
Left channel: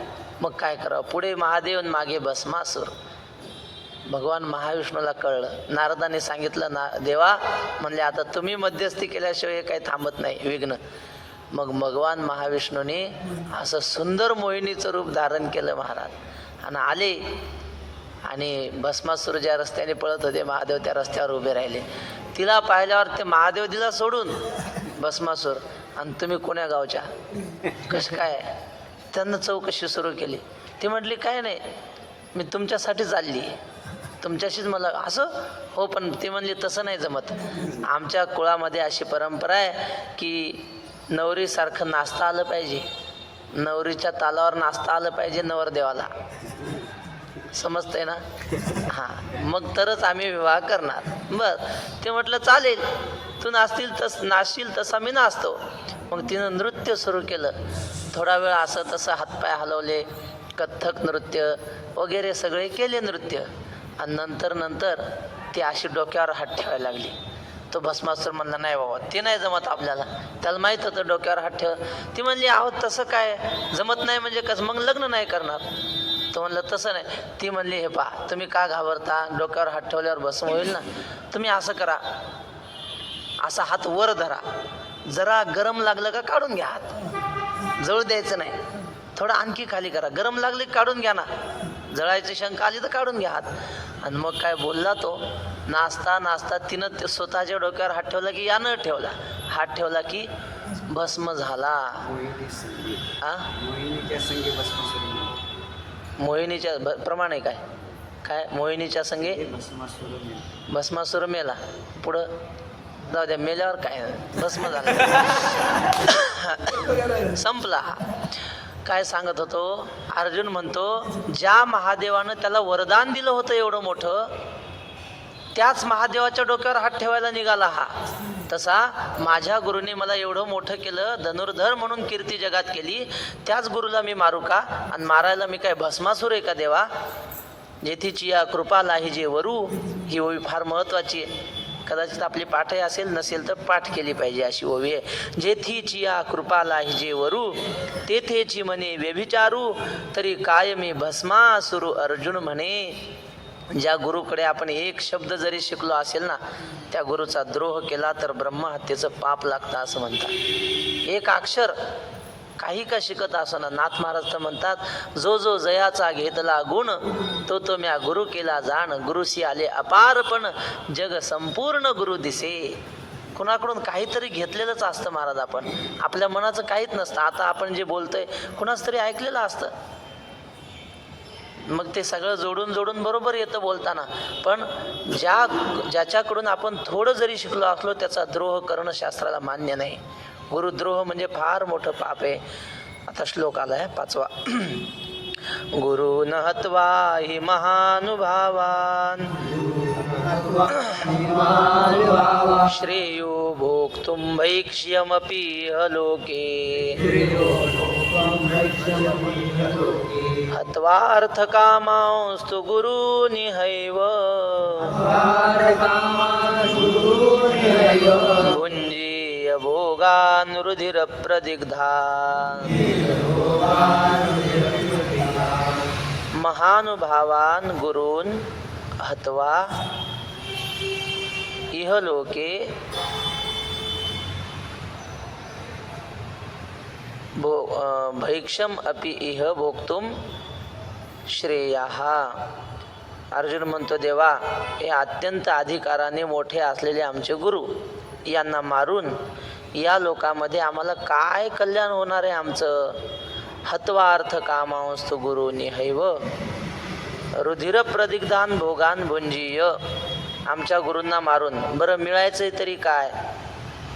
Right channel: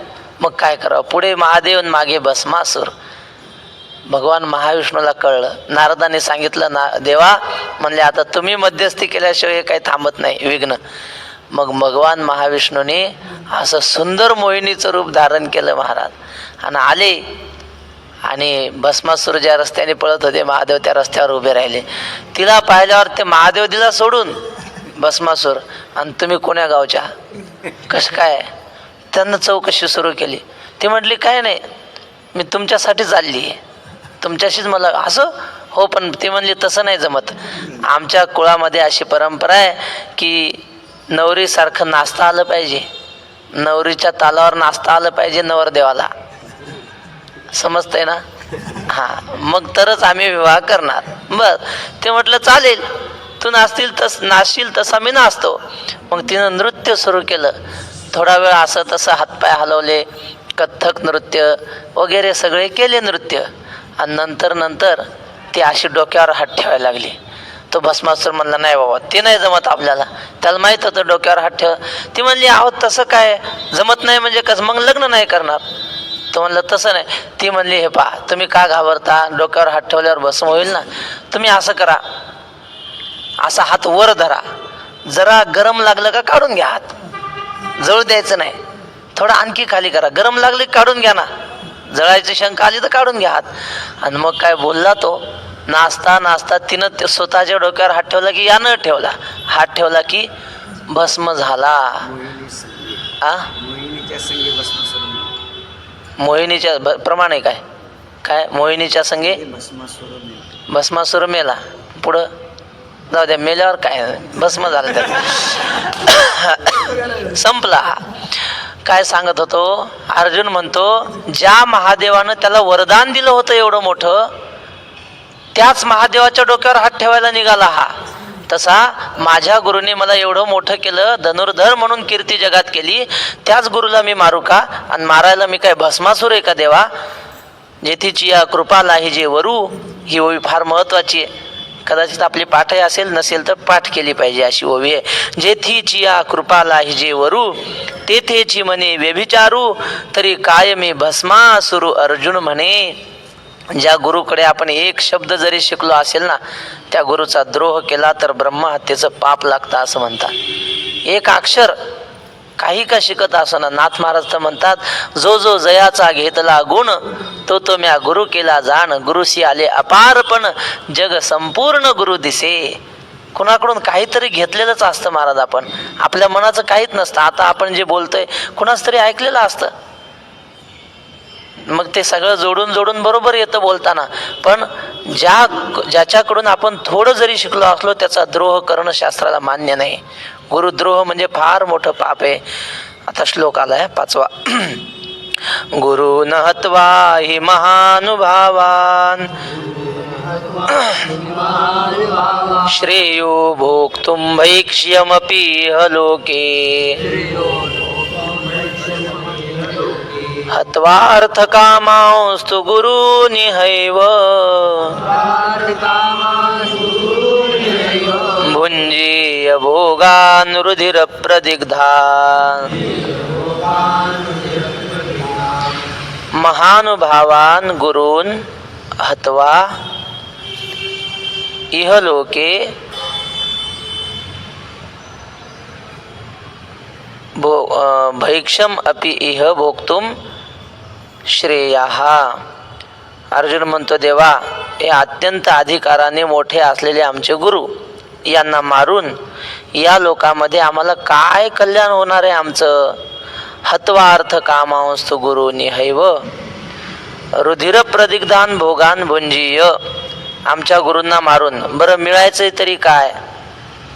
मग काय करावं, पुढे महादेव मागे भस्मासूर. भगवान महाविष्णूला कळलं, नारदाने सांगितलं, ना देवा म्हणले, आता तुम्ही मध्यस्थी केल्याशिवाय काही थांबत नाही विघ्न. मग भगवान महाविष्णूने असं सुंदर मोहिनीचं रूप धारण केलं महाराज, आणि आले. आणि भस्मासूर ज्या रस्त्याने पळत होते, महादेव त्या रस्त्यावर उभे राहिले. तिला पाहिल्यावर ते महादेव दिला सोडून भस्मासूर, आणि तुम्ही कोण्या गावच्या, कसं काय? त्यांना चौकशी सुरू केली. ती म्हटली, काय नाही, मी तुमच्यासाठी चालली आहे, तुमच्याशीच मला. असं हो, पण ती म्हणली, तसं नाही जमत. आमच्या कुळामध्ये अशी परंपरा आहे की नवरीसारखं नाचता आलं पाहिजे, नवरीच्या तालावर नाचता आलं पाहिजे नवरदेवाला. समजतंय ना? हां, मग तरच आम्ही विवाह करणार. बर, ते म्हटलं चालेल, तू नाचशील तसा मी नाचतो. मग तिनं नृत्य सुरू केलं. थोडा वेळ असं तसं हातपाय हलवले, कथ्थक नृत्य वगैरे सगळे केले नृत्य. आणि नंतर ती अशी डोक्यावर हात ठेवायला लागली. तो भस्मासूर म्हणला, नाही बाबा, ते नाही जमत आपल्याला. त्याला माहीत होतं डोक्यावर हात ठेव. ती म्हणली, आहो तसं काय जमत नाही म्हणजे कसं, मग लग्न नाही करणार. तो म्हणलं, तसं नाही. ती म्हणली, हे पहा, तुम्ही का घाबरता, डोक्यावर हात ठेवल्यावर भस्म होईल ना. तुम्ही असं करा, असा हात वर धरा, जरा गरम लागलं का काढून घ्या हात, जळू द्यायचं नाही. थोडं आणखी खाली करा, गरम लागले काढून घ्या ना, जळायची शंका आली तर काढून घ्या हात. आणि मग काय बोलला तो. नाचता तिनं ते स्वतःच्या डोक्यावर हात ठेवला की यानं ठेवला, हात ठेवला की भस्म झाला. मोहिनीच्या प्रमाणे काय काय मोहिनीच्या संगे भस्मासूर मेला. पुढं जाऊ द्या, मेल्यावर काय भस्म झालं, त्या संपला. काय सांगत होतो, अर्जुन म्हणतो, ज्या महादेवानं त्याला वरदान दिलं होतं एवढं मोठं, त्याच महादेवाच्या डोक्यावर हात ठेवायला निघाला हा. तसा माझ्या गुरुने मला एवढं मोठं केलं, धनुर्धर म्हणून कीर्ती जगात केली, त्याच गुरुला मी मारू का? आणि मारायला मी काय भस्मासूर आहे का देवा? जेथीची या कृपा लाहिजे वरू, ही ओवी फार महत्वाची आहे. कदाचित आपली पाठही असेल, नसेल तर पाठ केली पाहिजे, अशी ओवी आहे. जेथीची या कृपा लाहिजे वरू, तेथेची म्हणे व्यभिचारू, तरी काय मी भस्मासुरू अर्जुन म्हणे. ज्या गुरुकडे आपण एक शब्द जरी शिकलो असेल ना, त्या गुरुचा द्रोह केला तर ब्रह्महत्येचं पाप लागतं असं म्हणतात. एक अक्षर काही का शिकत असताना नाथ महाराज तर म्हणतात, जो जो जयाचा घेतला गुण, तो तो म्या गुरु केला जाण, गुरुशी आले अपारपण, जग संपूर्ण गुरु दिसे. कुणाकडून काहीतरी घेतलेलंच असतं महाराज, आपण आपल्या मनाचं काहीच नसतं. आता आपण जे बोलतोय कुणाच तरी ऐकलेलं असतं, मग ते सगळं जोडून बरोबर येतं बोलताना. पण ज्याच्याकडून आपण थोडं जरी शिकलो असलो, त्याचा द्रोह करणं शास्त्राला मान्य नाही. गुरुद्रोह म्हणजे फार मोठं पाप आहे. आता श्लोक आलाय 5वा. गुरु न हत्वा हि महानुभावान, श्रेयो भोक्तुं भैक्ष्यमपि लोके, हत्वार्थ कामांस्तु गुरूनिहैव, भुञ्जीय भोगान् रुधिर प्रदिग्धान्. महानुभावान गुरून् हत्वा इहलोके भैक्षम अपि इह भोक्तुम श्रेयाः. अर्जुन म्हणतो, देवा, हे अत्यंत अधिकाराने मोठे असलेले आमचे गुरु, यांना मारून या लोकामध्ये आम्हाला काय कल्याण होणार आहे आमचं? हत्वा अर्थ कामांस्तु गुरूनिहैव, रुधिर प्रदिग्धान भोगान भुंजीय. आमच्या गुरूंना मारून बरं मिळायचंय तरी काय?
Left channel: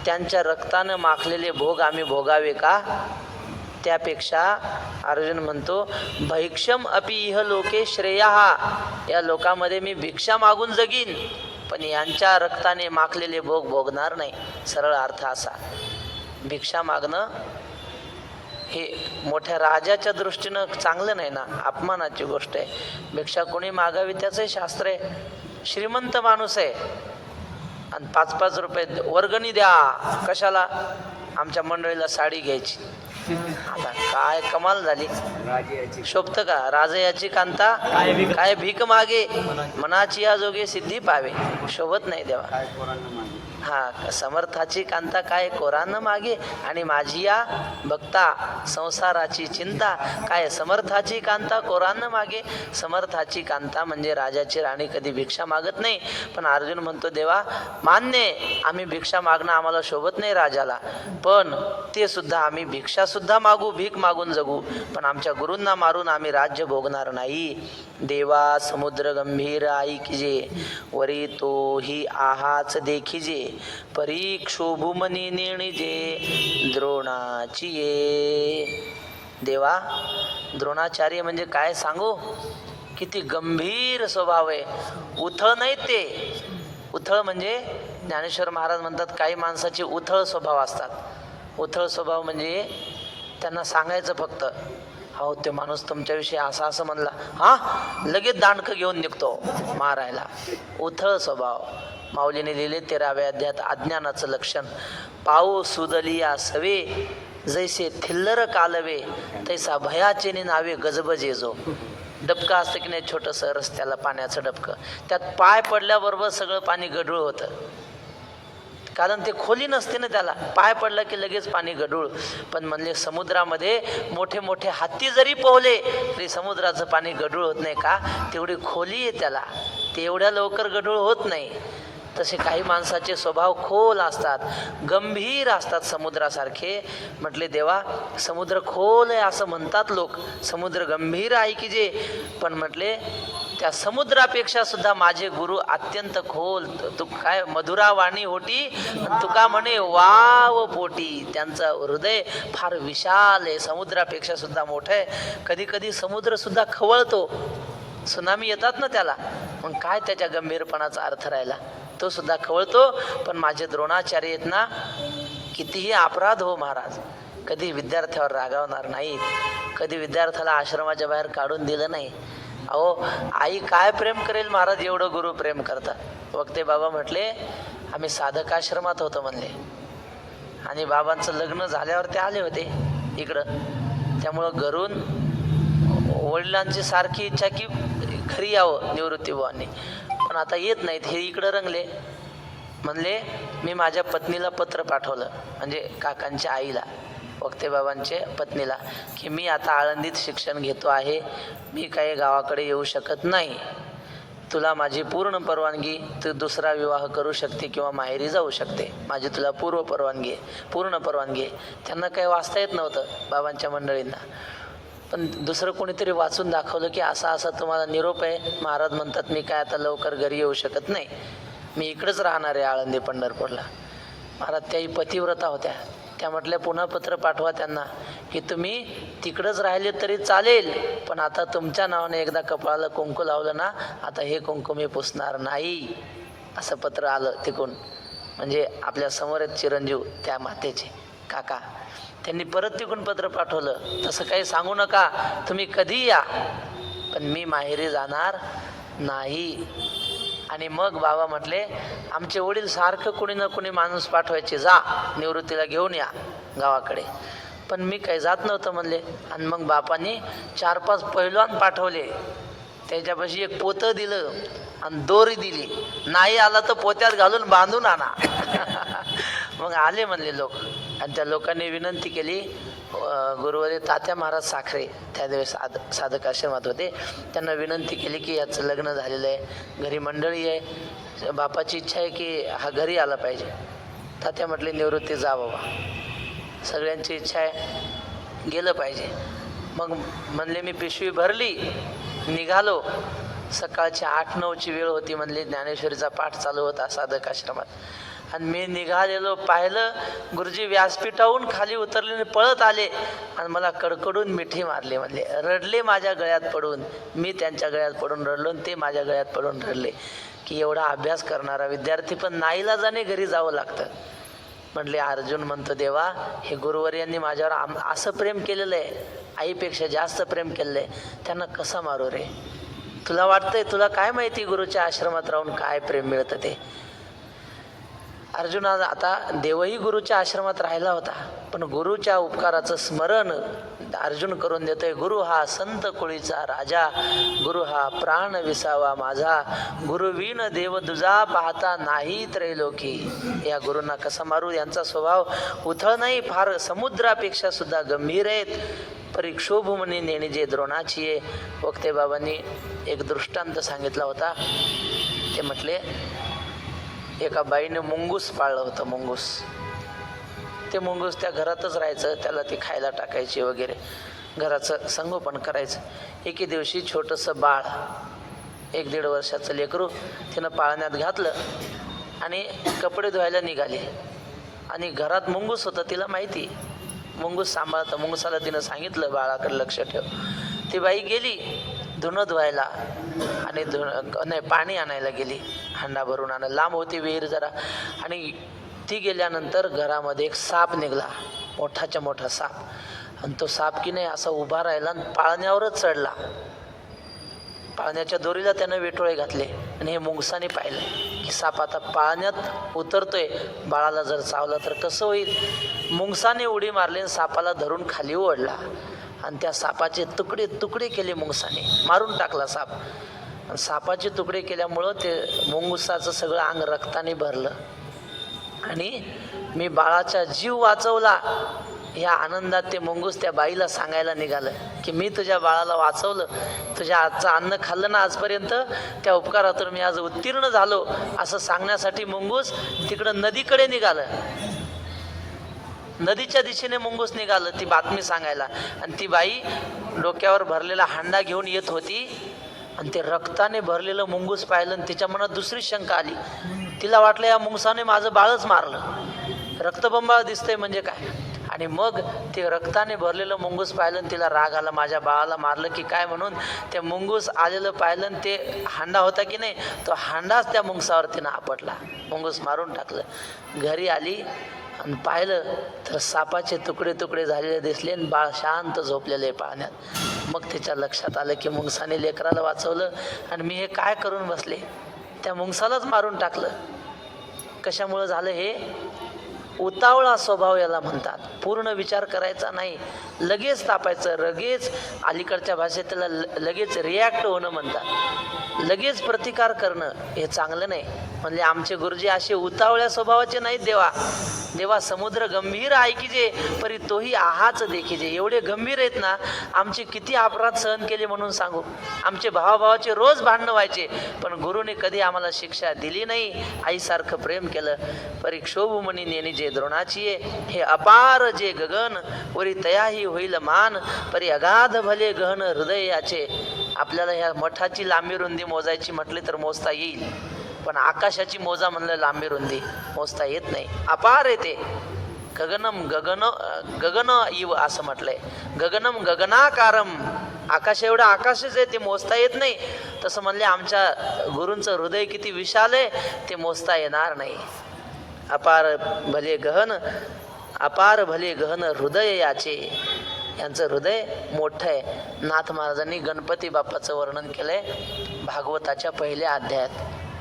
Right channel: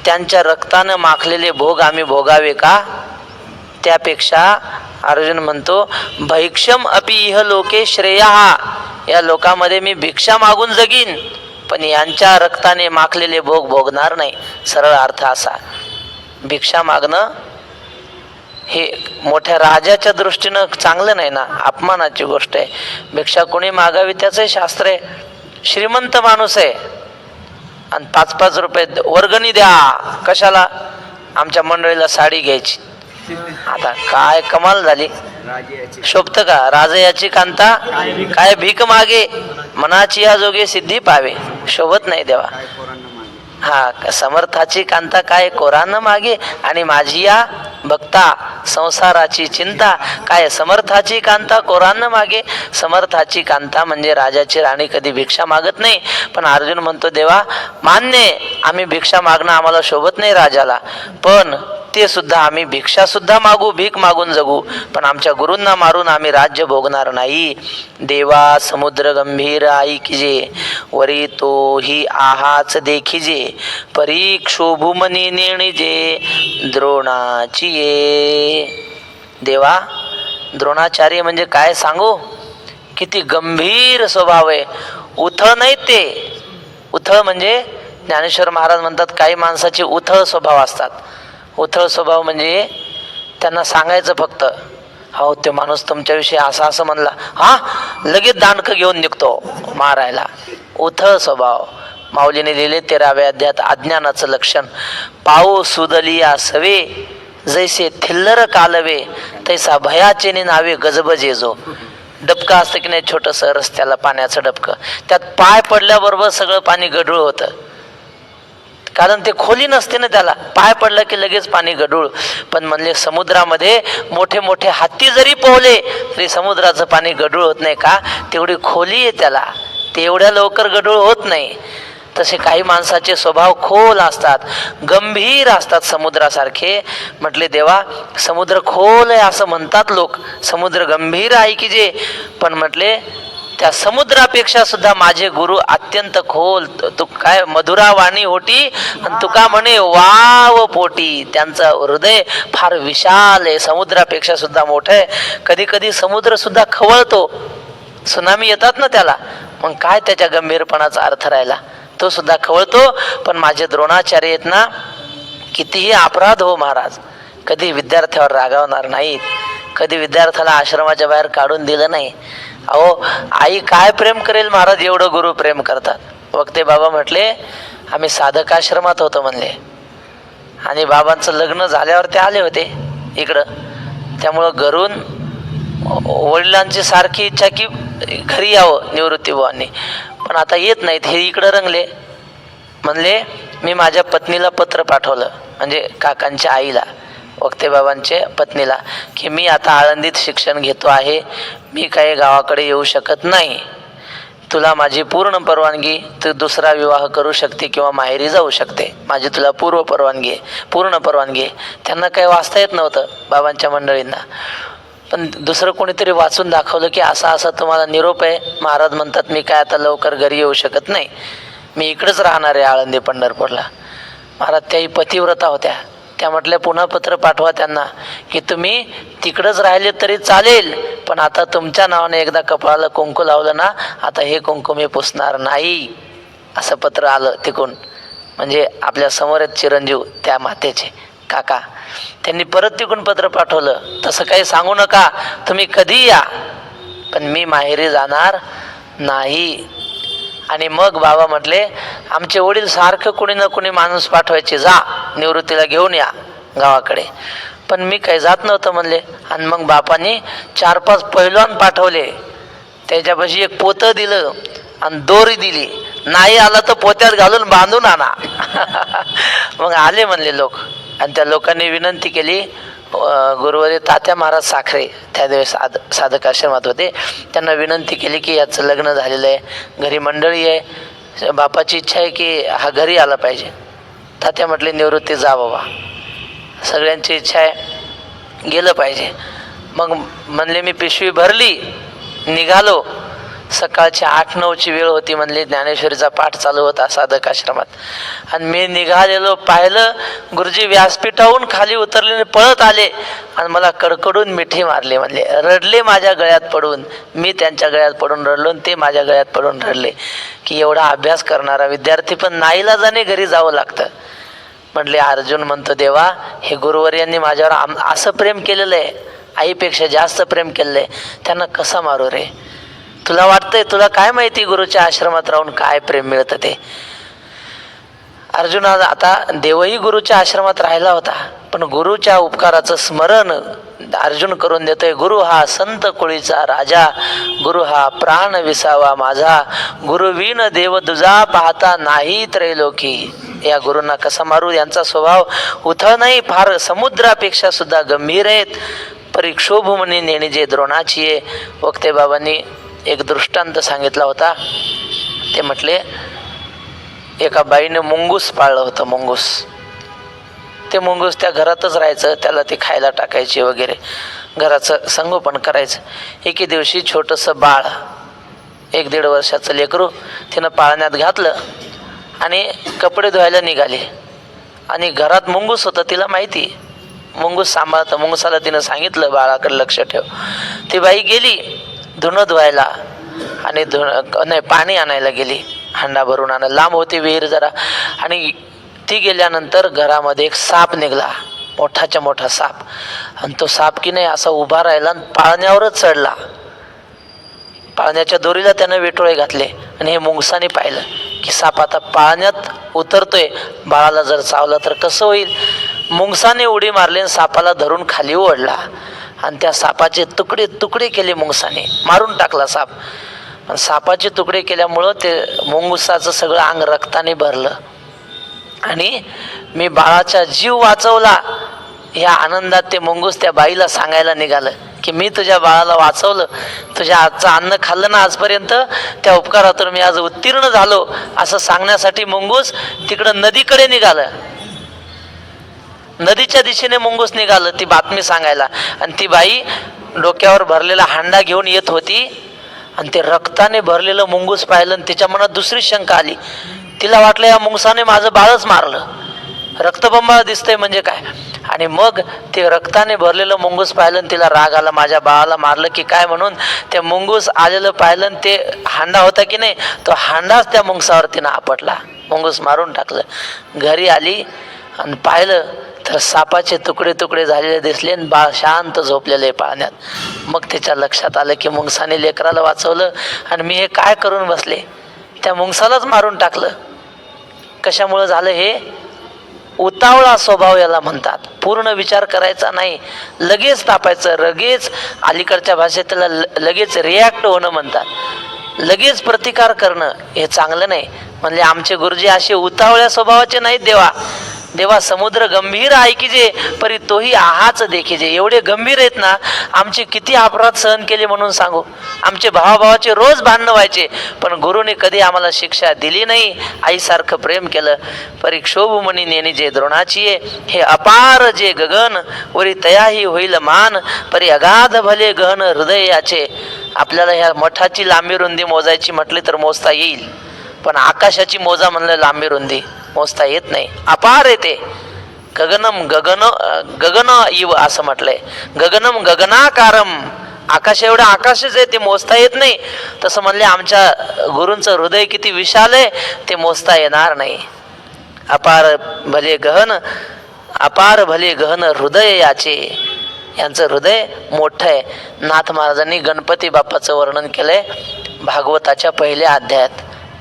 त्यांच्या रक्तानं माखलेले भोग आम्ही भोगावे का? त्यापेक्षा अर्जुन म्हणतो, भैक्षम अपि इह लोके श्रेया, या लोकामध्ये मी भिक्षा मागून जगीन, पण यांच्या रक्ताने माखलेले भोग भोगणार नाही. सरळ अर्थ असा, भिक्षा मागणं हे मोठ्या राजाच्या दृष्टीनं चांगलं नाही ना, अपमानाची गोष्ट आहे. भिक्षा कोणी मागावी त्याचंही शास्त्र आहे. श्रीमंत माणूस आहे आणि 5-5 रुपये वर्गणी द्या, कशाला? आमच्या मंडळीला साडी घ्यायची. आता काय कमाल झाली. शोभत का? राजयाची कांता काय भीक मागे, मनाची या जोगे सिद्धी पावे. शोभत नाही देवा. हा, समर्थाची कांता काय कोरानं मागे, आणि माझी या भक्ता संसाराची चिंता काय. समर्थाची कांता कोरानं मागे. समर्थाची कांता म्हणजे राजाची राणी कधी भिक्षा मागत नाही. पण अर्जुन म्हणतो देवा मान्य, आम्ही भिक्षा मागणं आम्हाला शोभत नाही राजाला, पण ते सुद्धा आम्ही भिक्षा सुद्धा मागू, भीक मागून जगू, पण आमच्या गुरूंना मारून आम्ही राज्य भोगणार नाही. देवा समुद्र गंभीर ऐकिजे, वरी तो ही आहाच देखिजे, परीक्षोभूमनी नेणिजे द्रोणाची ये. देवा द्रोणाचार्य म्हणजे काय सांगू, किती गंभीर स्वभाव आहे. उथळ नाही ते. उथळ म्हणजे ज्ञानेश्वर महाराज म्हणतात काही माणसाचे उथळ स्वभाव असतात. उथळ स्वभाव म्हणजे त्यांना सांगायचं फक्त, हो ते माणूस तुमच्याविषयी असं असं म्हणला, हा लगेच दांडकं घेऊन निघतो मारायला. उथळ स्वभाव. माऊलीने लिहिले 13व्या अध्यायात अज्ञानाचं लक्षण. पाऊ सुदलिया सवे, जैसे थिल्लर कालवे, तैसा भयाचे नावे गजबजे जो. डबकं असतं की नाही छोटंसं रस्त्याला पाण्याचं डबकं, त्यात पाय पडल्याबरोबर सगळं पाणी गढूळ होतं, कारण ते खोली नसते ना त्याला. पाय पडलं की लगेच पाणी गढूळ. पण म्हणले समुद्रामध्ये मोठे मोठे हत्ती जरी पोहले तरी समुद्राचं पाणी गढूळ होत नाही. का? तेवढी खोली आहे त्याला, ते एवढ्या लवकर गढूळ होत नाही. तसे काही माणसाचे स्वभाव खोल असतात, गंभीर असतात समुद्रासारखे. म्हटले देवा समुद्र खोल आहे असं म्हणतात लोक, समुद्र गंभीर आहे की जे, पण म्हटले त्या समुद्रापेक्षा सुद्धा माझे गुरु अत्यंत खोल. तू काय मधुरा वाणी होती आणि तुका म्हणे वाव पोटी. त्यांचं हृदय फार विशाल आहे, समुद्रापेक्षा सुद्धा मोठं आहे. कधी कधी समुद्र सुद्धा खवळतो, सुनामी येतात ना त्याला, मग काय त्याच्या गंभीरपणाचा अर्थ राहिला, तो सुद्धा खवळतो. पण माझे द्रोणाचार्य आहेत ना, कितीही अपराध हो महाराज, कधी विद्यार्थ्यावर रागावणार नाहीत, कधी विद्यार्थ्याला आश्रमाच्या बाहेर काढून दिलं नाही. अहो आई काय प्रेम करेल महाराज, एवढं गुरु प्रेम करतात. वक्ते बाबा म्हटले आम्ही साधकाश्रमात होतो म्हणले, आणि बाबांचं लग्न झाल्यावर ते आले होते इकडं. त्यामुळं घरून वडिलांची सारखी इच्छा की घरी यावं निवृत्तीबुवांनी, पण आता येत नाहीत, हे इकडं रंगले. म्हणले मी माझ्या पत्नीला पत्र पाठवलं, म्हणजे काकांच्या आईला, वक्तेबाबांच्या पत्नीला, की मी आता आळंदीत शिक्षण घेतो आहे, मी काही गावाकडे येऊ शकत नाही, तुला माझी पूर्ण परवानगी, तू दुसरा विवाह करू शकते किंवा माहेरी जाऊ शकते, माझी तुला पूर्ण परवानगी. त्यांना काही वाचता येत नव्हतं बाबांच्या मंडळींना, पण दुसरं कोणीतरी वाचून दाखवलं की असा असा तुम्हाला निरोप आहे. महाराज म्हणतात मी काय आता लवकर घरी येऊ शकत नाही, मी इकडंच राहणार आहे आळंदी पंढरपूरला. महाराज त्याही पतिव्रता होत्या, त्या म्हटल्या पुन्हा पत्र पाठवा त्यांना की तुम्ही तिकडंच राहिले तरी चालेल, पण आता तुमच्या नावाने एकदा कपाळाला कुंकू लावलं ना, आता हे कुंकू मी पुसणार नाही. असं पत्र आलं तिकून. म्हणजे आपल्या समोर आहेत चिरंजीव त्या मातेचे काका, त्यांनी परत तिकून पत्र पाठवलं, तसं काही सांगू नका, तुम्ही कधी या, पण मी माहेरी जाणार नाही. आणि मग बाबा म्हटले आमचे वडील सारखं कुणी ना कुणी माणूस पाठवायचे, जा निवृत्तीला घेऊन या गावाकडे, पण मी काही जात नव्हतं म्हणले. आणि मग बापांनी 4-5 पैलवान पाठवले, त्याच्यापाशी एक पोतं दिलं आणि दोरी दिली, नाही आला तर पोत्यात घालून बांधून आणा. मग आले म्हणले लोक, आणि त्या लोकांनी विनंती केली. गुरुवारी तात्या महाराज साखरे त्यावेळेस साधक आश्रमात होते, त्यांना विनंती केली की याचं लग्न झालेलं आहे, घरी मंडळी आहे, बापाची इच्छा आहे की हा घरी आला पाहिजे. तात्या म्हटले निवृत्ती जा बाबा, सगळ्यांची इच्छा आहे गेलं पाहिजे. मग म्हणले मी पिशवी भरली, निघालो. सकाळची 8-9ची वेळ होती म्हणले, ज्ञानेश्वरीचा पाठ चालू होता साधक आश्रमात, आणि मी निघालेलो, पाहिलं गुरुजी व्यासपीठाहून खाली उतरले, पळत आले आणि मला कडकडून मिठी मारले. म्हणले रडले माझ्या गळ्यात पडून, मी त्यांच्या गळ्यात पडून रडलो आणि ते माझ्या गळ्यात पडून रडले. की एवढा अभ्यास करणारा विद्यार्थी पण नाईलाजाने घरी जावं लागतं. म्हटले अर्जुन म्हणतो, देवा हे गुरुवर्यांनी माझ्यावर असं प्रेम केलेलं आहे, आईपेक्षा जास्त प्रेम केलेलं आहे, त्यांना कसा मारू रे? तुला वाटतंय, तुला काय माहिती गुरुच्या आश्रमात राहून काय प्रेम मिळतं ते? अर्जुना, आता देवही गुरुच्या आश्रमात राहिला होता, पण गुरुच्या उपकाराचं स्मरण अर्जुन करून देतोय. गुरु हा संत कुळीचा राजा, गुरु हा प्राण विसावा माझा, गुरुविन देव दुजा पाहता नाही त्रैलोकी. या गुरूंना कसा मारू? यांचा स्वभाव उथळ नाही, फार समुद्रापेक्षा सुद्धा गंभीर आहेत. परीक्षोभ म्हणे नेणे जे द्रोणाची आहे. वक्ते बाबांनी एक दृष्टांत सांगितला होता. ते म्हटले, एका बाईने मुंगूस पाळलं होतं. मुंगूस, ते मुंगूस त्या घरातच राहायचं, त्याला ते खायला टाकायचे वगैरे, घराचं संगोपन करायचं. एके दिवशी छोटंसं बाळ, 1-1.5 वर्षाचं लेकरू, तिनं पाळण्यात घातलं आणि कपडे धुवायला निघाले. आणि घरात मुंगूस होतं, तिला माहिती मुंगूस सांभाळतं. मुंगूसाला तिनं सांगितलं, बाळाकडे लक्ष ठेव. ती बाई गेली धुणं धुवायला आणि नाही, पाणी आणायला गेली, हांडा भरून आणायला. लांब होती विहीर जरा. आणि ती गेल्यानंतर घरामध्ये एक साप निघाला, मोठाच्या मोठा साप. आणि तो साप की नाही असा उभा राहिला आणि पाळण्यावरच चढला. पाळण्याच्या दोरीला त्यानं वेटोळे घातले. आणि हे मुंगसाने पाहिलं की साप आता पाळण्यात उतरतोय, बाळाला जर चावला तर कसं होईल? मुंगसाने उडी मारली आणि सापाला धरून खाली ओढला आणि त्या सापाचे तुकडे तुकडे केले. मुंगसाने मारून टाकला साप. सापाचे तुकडे केल्यामुळं ते मुंगसाचं सगळं अंग रक्ताने भरलं. आणि मी बाळाचा जीव वाचवला या आनंदात ते मुंगूस त्या बाईला सांगायला निघालं की मी तुझ्या बाळाला वाचवलं, तुझ्या आजचं अन्न खाल्लं ना आजपर्यंत, त्या उपकारातून मी आज उत्तीर्ण झालो, असं सांगण्यासाठी मुंगूस तिकडं नदीकडे निघालं. नदीच्या दिशेने मुंगूस निघालं ती बातमी सांगायला. आणि ती बाई डोक्यावर भरलेला हांडा घेऊन येत होती. आणि ते रक्ताने भरलेलं मुंगूस पाहिलं आणि तिच्या मनात दुसरी शंका आली. तिला वाटलं या मुंगसाने माझं बाळच मारलं, रक्तबंबाळ दिसतंय म्हणजे काय. आणि मग ते रक्ताने भरलेलं मुंगूस पाहिलं आणि तिला राग आला, माझ्या बाळाला मारलं की काय म्हणून. ते मुंगूस आलेलं पाहिलं आणि ते हांडा होता की नाही, तो हांडाच त्या मुंगसावर तिनं आपटला, मुंगूस मारून टाकलं. घरी आली आणि पाहिलं तर सापाचे तुकडे तुकडे झालेले दिसले आणि बाळ शांत झोपलेलं आहे पाळण्यात. मग तिच्या लक्षात आलं की मुंगसाने लेकराला वाचवलं आणि मी हे काय करून बसले, त्या मुंगसालाच मारून टाकलं. कशामुळं झालं हे? उतावळा स्वभाव याला म्हणतात. पूर्ण विचार करायचा नाही, लगेच तापायचं, लगेच अलीकडच्या भाषेत त्याला लगेच रिॲक्ट होणं म्हणतात. लगेच प्रतिकार करणं हे चांगलं नाही. म्हणले आमचे गुरुजी असे उतावळ्या स्वभावाचे नाहीत. देवा समुद्र गंभीर ऐकिजे परी तोही आहाच देखिजे. एवढे गंभीर आहेत ना, आमचे किती अपराध सहन केले म्हणून सांगू. आमचे भावाभावाचे रोज भांडणं व्हायचे, पण गुरुने कधी आम्हाला शिक्षा दिली नाही. आईसारखं प्रेम केलं. परीक्षोभ म्हणी नेणी जे द्रोणाची हे अपार जे गगन वरी तयाही होईल मान परी अगाध भले गहन हृदय याचे. आपल्याला ह्या मठाची लांबी रुंदी मोजायची म्हटली तर मोजता येईल, पण आकाशाची मोजा म्हणलं लांबी रुंदी मोजता येत नाही. अपार येते. गगनम गगन इव असं म्हटलंय. गगनम गगनाकारम, आकाश एवढं आकाशच आहे, ते मोजता येत नाही. तसं म्हणले आमच्या गुरूंचं हृदय किती विशाल आहे ते मोजता येणार नाही. अपार भले गहन हृदय याचे. यांचं हृदय मोठं आहे. नाथ महाराजांनी गणपती बाप्पाचं वर्णन केलंय भागवताच्या पहिल्या अध्यायात.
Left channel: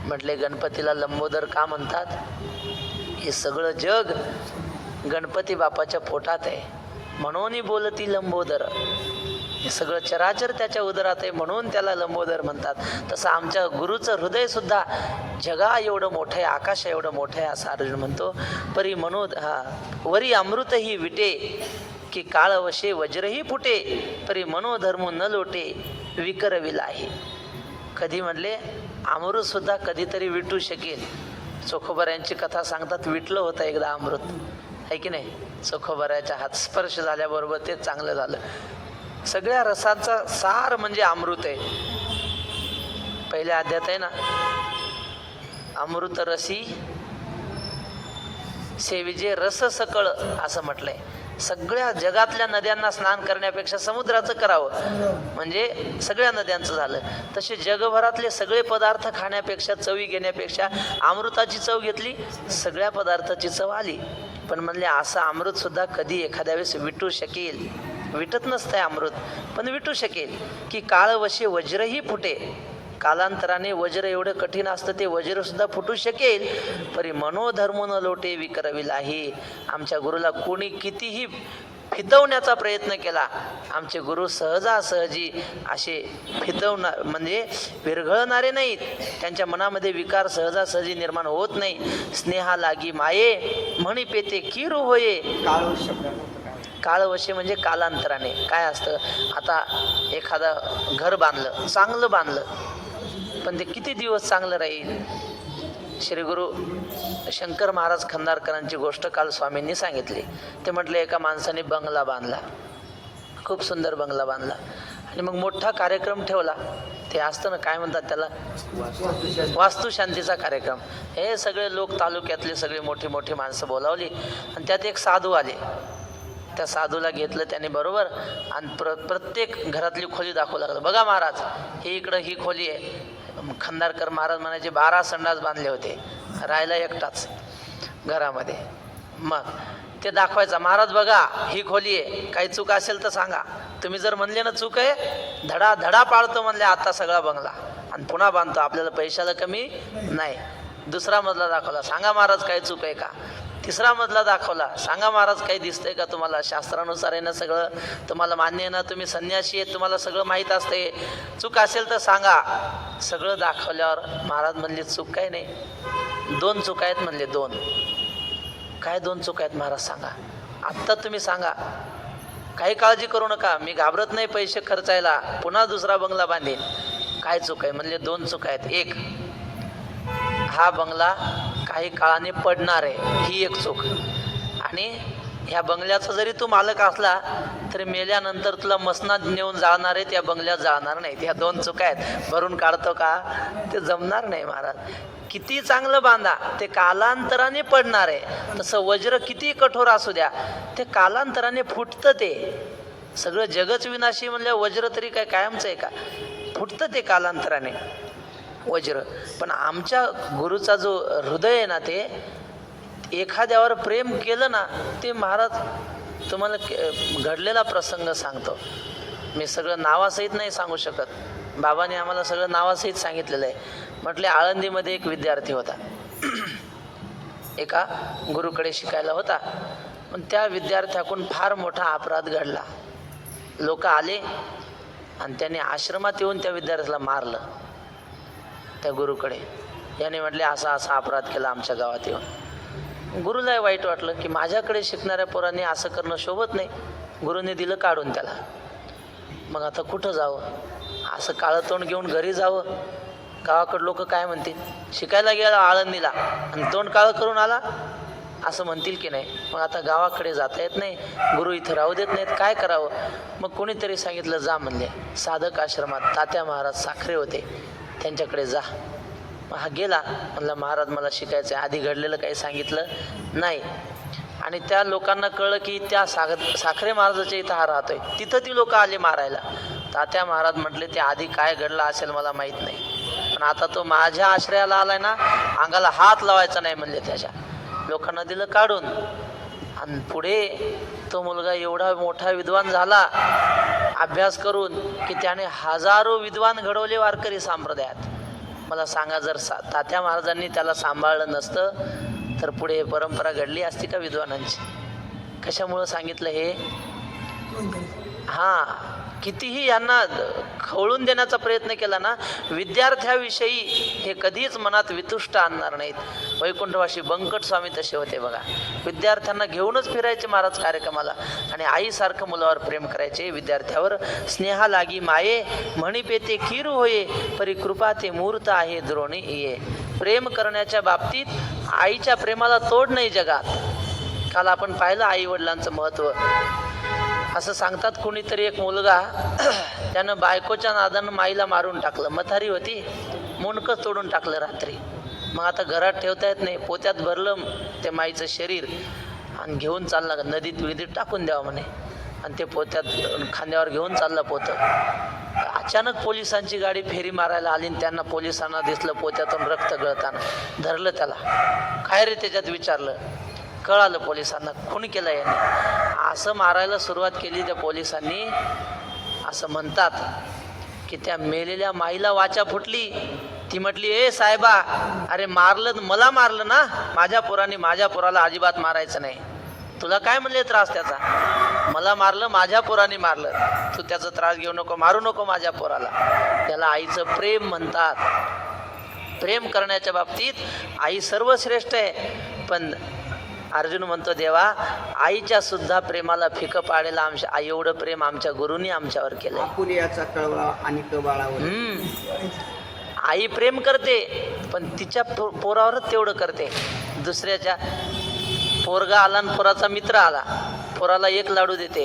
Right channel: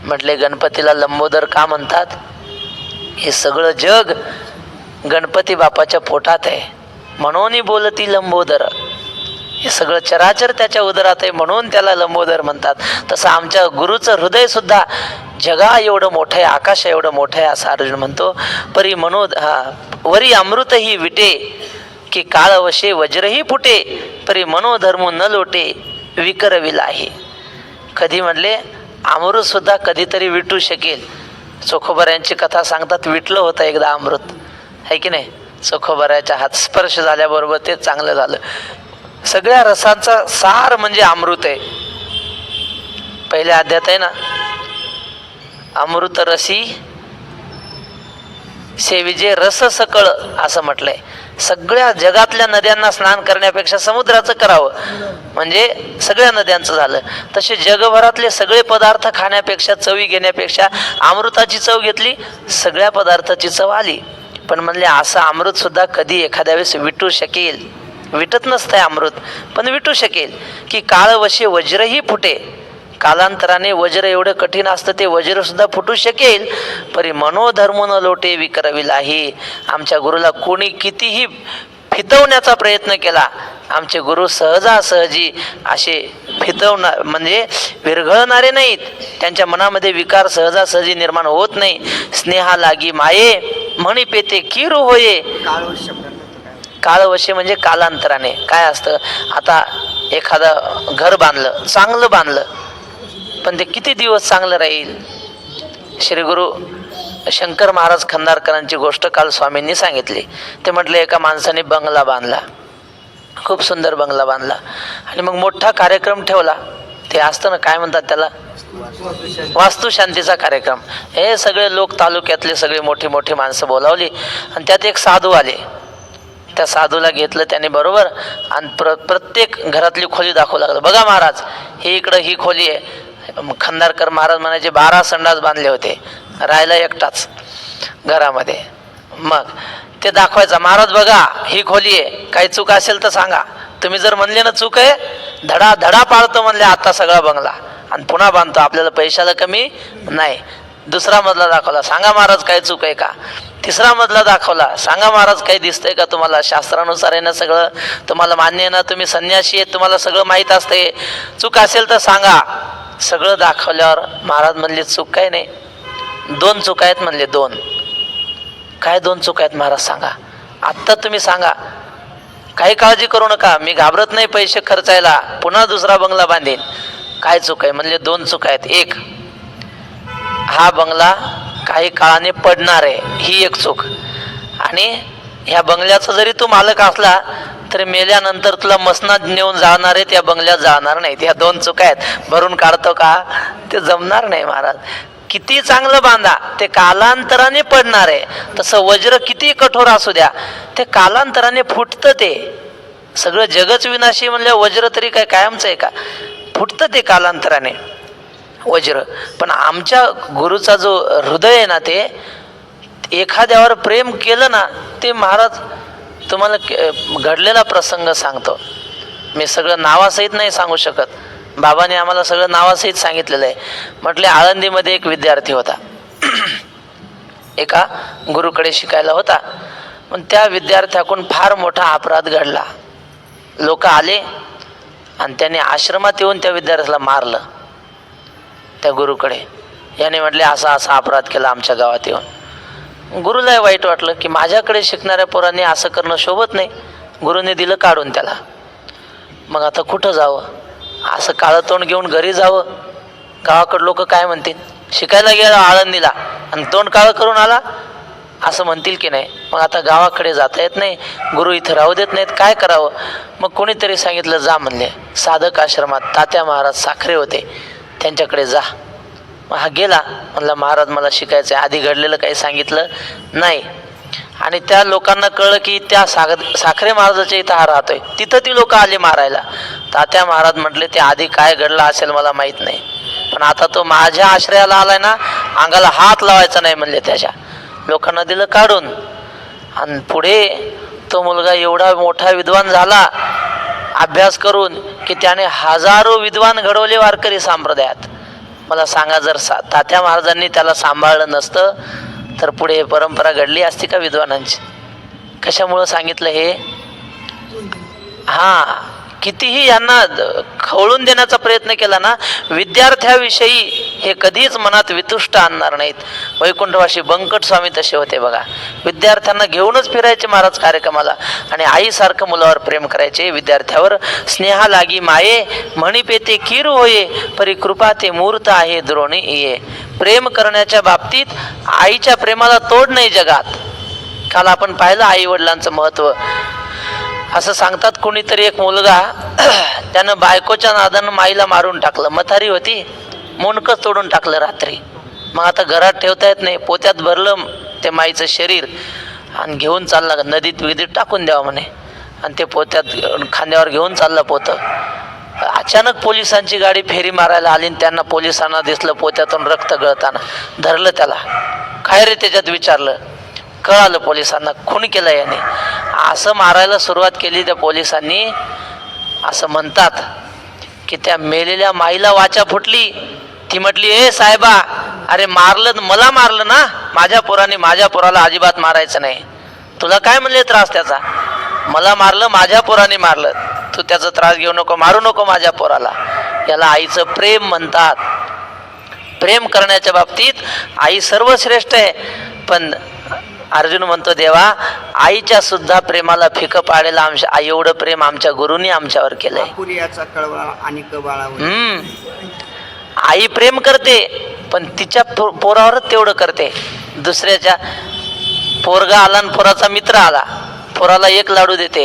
म्हटले गणपतीला लंबोदर का म्हणतात? हे सगळं जग गणपती बाप्पाच्या पोटात आहे म्हणून बोलती लंबोदर. हे सगळं चराचर त्याच्या उदरात आहे म्हणून त्याला लंबोदर म्हणतात. तसं आमच्या गुरुचं हृदय सुद्धा जगा एवढं मोठं आहे, आकाश एवढं मोठं आहे असं अर्जुन म्हणतो. परी वरी अमृत ही विटे की काळवशे वज्रही फुटे परी मनोधर्म न लोटे विकर विलाही. कधी म्हणले अमृत सुद्धा कधीतरी विटू शकेल. चोखोबऱ्यांची कथा सांगतात विटलं होतं एकदा अमृत, आहे की नाही. चोखोबऱ्याच्या हात स्पर्श झाल्याबरोबर ते चांगलं झालं. सगळ्या रसांचा सार म्हणजे अमृत आहे. पहिल्या अध्यायात आहे ना, अमृत रसी सेविजे रस सकळ असं म्हटलंय. सगळ्या जगातल्या नद्यांना स्नान करण्यापेक्षा समुद्राचं करावं म्हणजे सगळ्या नद्यांचं झालं. तसे जगभरातले सगळे पदार्थ खाण्यापेक्षा, चवी घेण्यापेक्षा अमृताची चव घेतली, सगळ्या पदार्थाची चव आली. पण म्हणले असं अमृतसुद्धा कधी एखाद्या वेळेस विटू शकेल, विटत नसतंय अमृत, पण विटू शकेल की काळवशी वज्रही फुटे. कालांतराने वज्र एवढं कठीण असतं, ते वज्र सुद्धा फुटू शकेल. परी मनोधर्म न लोटे विकरविलाही. आमच्या गुरुला कोणी कितीही फितवण्याचा प्रयत्न केला, आमचे गुरु सहजासहजी असे फितवणार म्हणजे विरघळणारे नाहीत. त्यांच्या मनामध्ये विकार सहजासहजी निर्माण होत नाही. स्नेहा लागी माये म्हणी पेते किरू होये. काळवशे म्हणजे कालांतराने. काय असतं, आता एखादं घर बांधलं, चांगलं बांधलं, पण ते किती दिवस चांगलं राहील. श्री गुरु शंकर महाराज खंदारकरांची गोष्ट काल स्वामींनी सांगितली. ते म्हटले एका माणसाने बंगला बांधला, खूप सुंदर बंगला बांधला, आणि मग मोठा कार्यक्रम ठेवला. ते असतं ना, काय म्हणतात त्याला, वास्तुशांतीचा कार्यक्रम. हे सगळे लोक, तालुक्यातले सगळे मोठी मोठी माणसं बोलावली, आणि त्यात एक साधू आले. त्या साधूला घेतलं त्याने बरोबर, आणि प्रत्येक घरातली खोली दाखवू लागलं. बघा महाराज, हे इकडं ही खोली आहे. खंदारकर महाराज म्हणायचे 12 संडास बांधले होते, राहायला एकटाच घरामध्ये. मग ते दाखवायचा, महाराज बघा ही खोली आहे, काही चूक असेल तर सांगा. तुम्ही जर म्हणले ना चूक आहे, धडा धडा पाळतो म्हणले आता सगळा बंगला, आणि पुन्हा बांधतो, आपल्याला पैशाला कमी नाही. दुसरा मजला दाखवला, सांगा महाराज काही चूक आहे का. तिसरा मजला दाखवला, सांगा महाराज काही दिसतंय का तुम्हाला, शास्त्रानुसार आहे ना सगळं, तुम्हाला मान्य आहे ना, तुम्ही संन्यासी आहेत, तुम्हाला सगळं माहीत असते, चूक असेल तर सांगा. सगळं दाखवल्यावर महाराज म्हणले चूक काय नाही, 2 चूक आहेत म्हणले. 2 काय 2 चूक आहेत महाराज सांगा, आत्ता तुम्ही सांगा, काही काळजी करू नका, मी घाबरत नाही पैसे खर्चायला, पुन्हा दुसरा बंगला बांधेन. काय चूक आहे म्हणले. 2 चूक आहेत. एक, हा बंगला काही काळाने पडणार आहे, ही एक चूक. आणि ह्या बंगल्याचा जरी तू मालक असला तरी मेल्यानंतर तुला मसनात नेऊन जाणार आहे, त्या बंगल्यात जाणार नाही. ह्या 2 चुका आहेत. भरून काढतो का, ते जमणार नाही महाराज. किती चांगलं बांधा, ते कालांतराने पडणार आहे. तसं वज्र किती कठोर असू द्या, ते कालांतराने फुटतं. ते सगळं जगच विनाशी म्हणलं, वज्र तरी काय कायमचं आहे का, फुटतं ते कालांतराने वज्र. पण आमच्या गुरुचा जो हृदय आहे ना, ते एखाद्यावर प्रेम केलं ना, ते महाराज तुम्हाला घडलेला प्रसंग सांगतो. मी सगळं नावासहित नाही सांगू शकत, बाबाने आम्हाला सगळं नावासहित सांगितलेलं आहे. म्हटले आळंदीमध्ये एक विद्यार्थी होता, एका गुरुकडे शिकायला होता. पण त्या विद्यार्थ्याकडून फार मोठा अपराध घडला. लोक आले आणि त्याने आश्रमात येऊन त्या विद्यार्थ्याला मारलं. त्या गुरुकडे याने म्हटले असा असा अपराध केला आमच्या गावात येऊन. गुरुला वाईट वाटलं की माझ्याकडे शिकणाऱ्या पोरांनी असं करणं शोभत नाही. गुरुने दिलं काढून त्याला. मग आता कुठं जावं, असं काळं तोंड घेऊन घरी जावं, गावाकडे लोक काय म्हणतील, शिकायला गेला आळंदीला आणि तोंड काळं करून आला असं म्हणतील की नाही. मग आता गावाकडे जाता येत नाही, गुरु इथं राहू देत नाहीत, काय करावं. मग कोणीतरी सांगितलं जा म्हणले, साधक आश्रमात तात्या महाराज साखरे होते, त्यांच्याकडे जा. मग हा गेला, म्हणला महाराज मला शिकायचं आहे. आधी घडलेलं काही सांगितलं नाही. आणि त्या लोकांना कळलं की त्या साखरे महाराजाच्या इथं हा राहतोय. तिथं ती लोक आली मारायला. तात्या महाराज म्हटले ते आधी काय घडलं असेल मला माहीत नाही, पण आता तो माझ्या आश्रयाला आलाय ना, अंगाला हात लावायचा नाही म्हणले. त्याच्या लोकांना दिलं काढून. आणि पुढे तो मुलगा एवढा मोठा विद्वान झाला अभ्यास करून की त्याने हजारो विद्वान घडवले वारकरी संप्रदायात. मला सांगा, जर तात्या महाराजांनी त्याला सांभाळलं नसतं तर पुढे परंपरा घडली असती का विद्वानांची. कशामुळं सांगितलं हे, हा कितीही यांना खवळून देण्याचा प्रयत्न केला ना, विद्यार्थ्याविषयी हे कधीच मनात वितुष्ट आणणार नाहीत. वैकुंठवासी बंकट स्वामी तसे होते बघा, विद्यार्थ्यांना घेऊनच फिरायचे महाराज कार्यक्रमाला आणि आईसारखं मुलावर प्रेम करायचे. विद्यार्थ्यावर स्नेहा लागी माये म्हणी पेते किरू होये, परी कृपा ते मूर्त आहे द्रोणी ये. प्रेम करण्याच्या बाबतीत आईच्या प्रेमाला तोड नाही जगात. काल आपण पाहिलं आई वडिलांचं महत्व. असं सांगतात कोणीतरी एक मुलगा त्यानं बायकोच्या नादानं माईला मारून टाकलं. मथारी होती, मुंडकच तोडून टाकलं रात्री. मग आता घरात ठेवता येत नाही, पोत्यात भरलं ते माईचं शरीर आणि घेऊन चालला नदीत विदीत टाकून द्यावं म्हणे. आणि ते पोत्यात खांद्यावर घेऊन चाललं पोतं. अचानक पोलिसांची गाडी फेरी मारायला आली आणि त्यांना पोलिसांना दिसलं पोत्यातून रक्त गळताना. धरलं त्याला. काय रे त्याच्यात विचारलं. कळालं पोलिसांना खून केला याने, असं मारायला सुरुवात केली त्या पोलिसांनी. असं म्हणतात की त्या मेलेल्या माईला वाचा फुटली. ती म्हटली, ए साहेबा, अरे मारलं, मला मारलं ना, माझ्या पोराला अजिबात मारायचं नाही. तुला काय म्हणले त्रास त्याचा? मला मारलं, माझ्या पोराने मारलं, तू त्याचा त्रास घेऊ नको, मारू नको माझ्या पोराला. याला आईचं प्रेम म्हणतात. प्रेम करण्याच्या बाबतीत आई सर्वश्रेष्ठ आहे. पण अर्जुन म्हणतो, देवा, आईच्या सुद्धा प्रेमाला फिकं पाडेल आमच्या आई एवढं प्रेम आमच्या गुरुनी आमच्यावर केलंय. आपुल्याचा कळवळा आणि कबाळावर. आई प्रेम करते, पण तिच्या पोरावरच तेवढं करते. दुसऱ्याच्या पोरगा आला आणि पोराचा मित्र आला, पोराला एक लाडू देते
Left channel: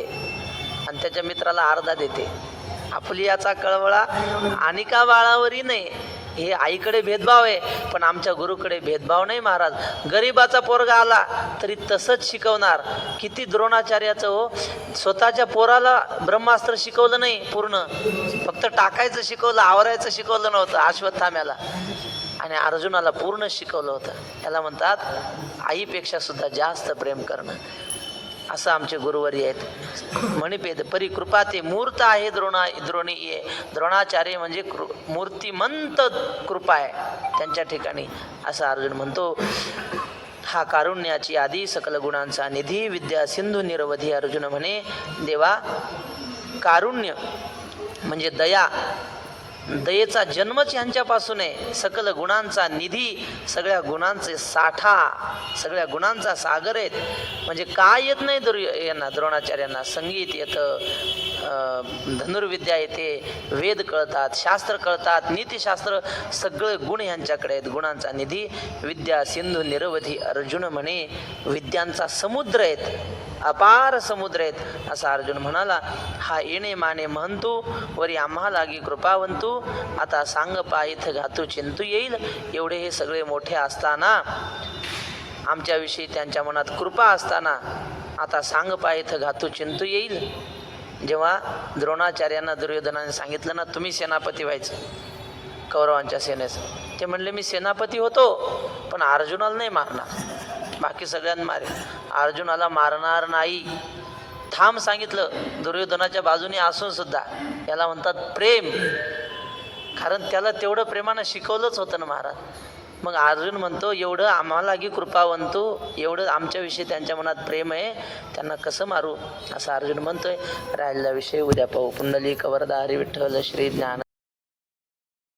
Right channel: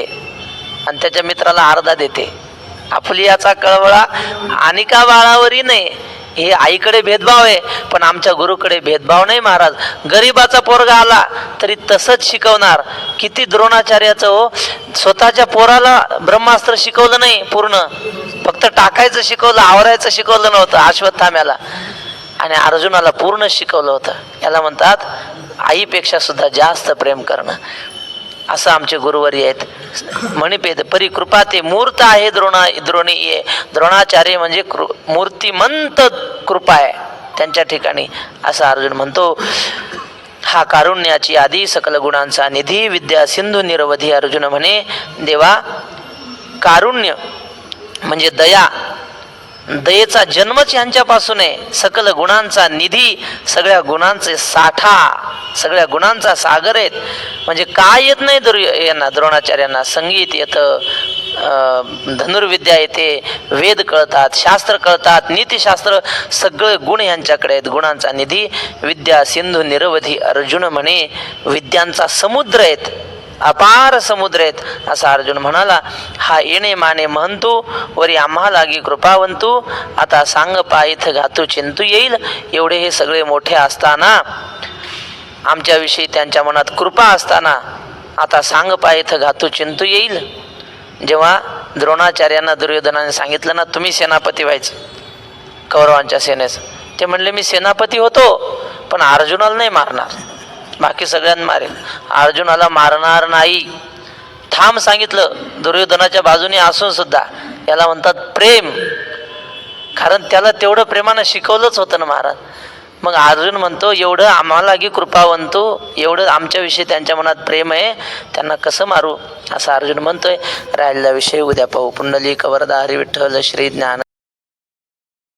आणि त्याच्या मित्राला अर्धा देते. आपुल्याचा कळवळा आणि का बाळावरही नाही. हे आईकडे भेदभाव आहे, पण आमच्या गुरुकडे भेदभाव नाही महाराज. गरीबाचा पोरगा आला तरी तसंच शिकवणार. किती द्रोणाचार्याचं हो, स्वतःच्या पोराला ब्रह्मास्त्र शिकवलं नाही पूर्ण, फक्त टाकायचं शिकवलं, आवरायचं शिकवलं नव्हतं अश्वत्थाम्याला, आणि अर्जुनाला पूर्ण शिकवलं होतं. याला म्हणतात आईपेक्षा सुद्धा जास्त प्रेम करणं. असं आमचे गुरुवर्य आहेत. म्हणिपेद परी कृपा ते मूर्त आहे द्रोणीय. द्रोणाचार्य म्हणजे मूर्तिमंत कृपा आहे त्यांच्या ठिकाणी, असं अर्जुन म्हणतो. हा कारुण्याची आधी सकल गुणांचा निधी, विद्या सिंधू निरवधी. अर्जुन म्हणे, देवा, कारुण्य म्हणजे दया, दयेचा जन्मच यांच्यापासून आहे. सकल गुणांचा निधी, सगळ्या गुणांचे साठा, सगळ्या गुणांचा सागर आहेत. म्हणजे काय येत नाही यांना, द्रोणाचार्यांना? संगीत येतं, धनुर्विद्या येते, वेद कळतात, शास्त्र कळतात, नीतिशास्त्र, सगळे गुण यांच्याकडे आहेत. गुणांचा निधी, विद्या सिंधू निरवधी. अर्जुन म्हणे, विद्यांचा समुद्र आहेत, अपार समुद्र आहेत, असा अर्जुन म्हणाला. हा येणे माने महंतू, वरी आम्हा लागी कृपावंतू. आता सांग पायथ घातू चिंतू येईल. एवढे हे सगळे मोठे असताना, आमच्याविषयी त्यांच्या मनात कृपा असताना, आता सांग पायथ घातू चिंतू येईल. जेव्हा द्रोणाचार्यांना दुर्योधनाने सांगितलं ना, तुम्ही सेनापती व्हायचं कौरवांच्या सेनेचं, ते म्हणले मी सेनापती होतो, पण अर्जुनाला नाही मारणार, बाकी सगळ्यांना मारेल, अर्जुनाला मारणार नाही. ठाम सांगितलं, दुर्योधनाच्या बाजूने असून सुद्धा. याला म्हणतात प्रेम, कारण त्याला तेवढं प्रेमानं शिकवलंच होतं ना महाराज. मग अर्जुन म्हणतो, एवढं आम्हाला की कृपावंतू, एवढं आमच्याविषयी त्यांच्या मनात प्रेम आहे, त्यांना कसं मारू, असं अर्जुन म्हणतोय. राहिलेला विषय उद्या पाहू. पुंडलिक वरदा हरी विठ्ठल श्री ज्ञान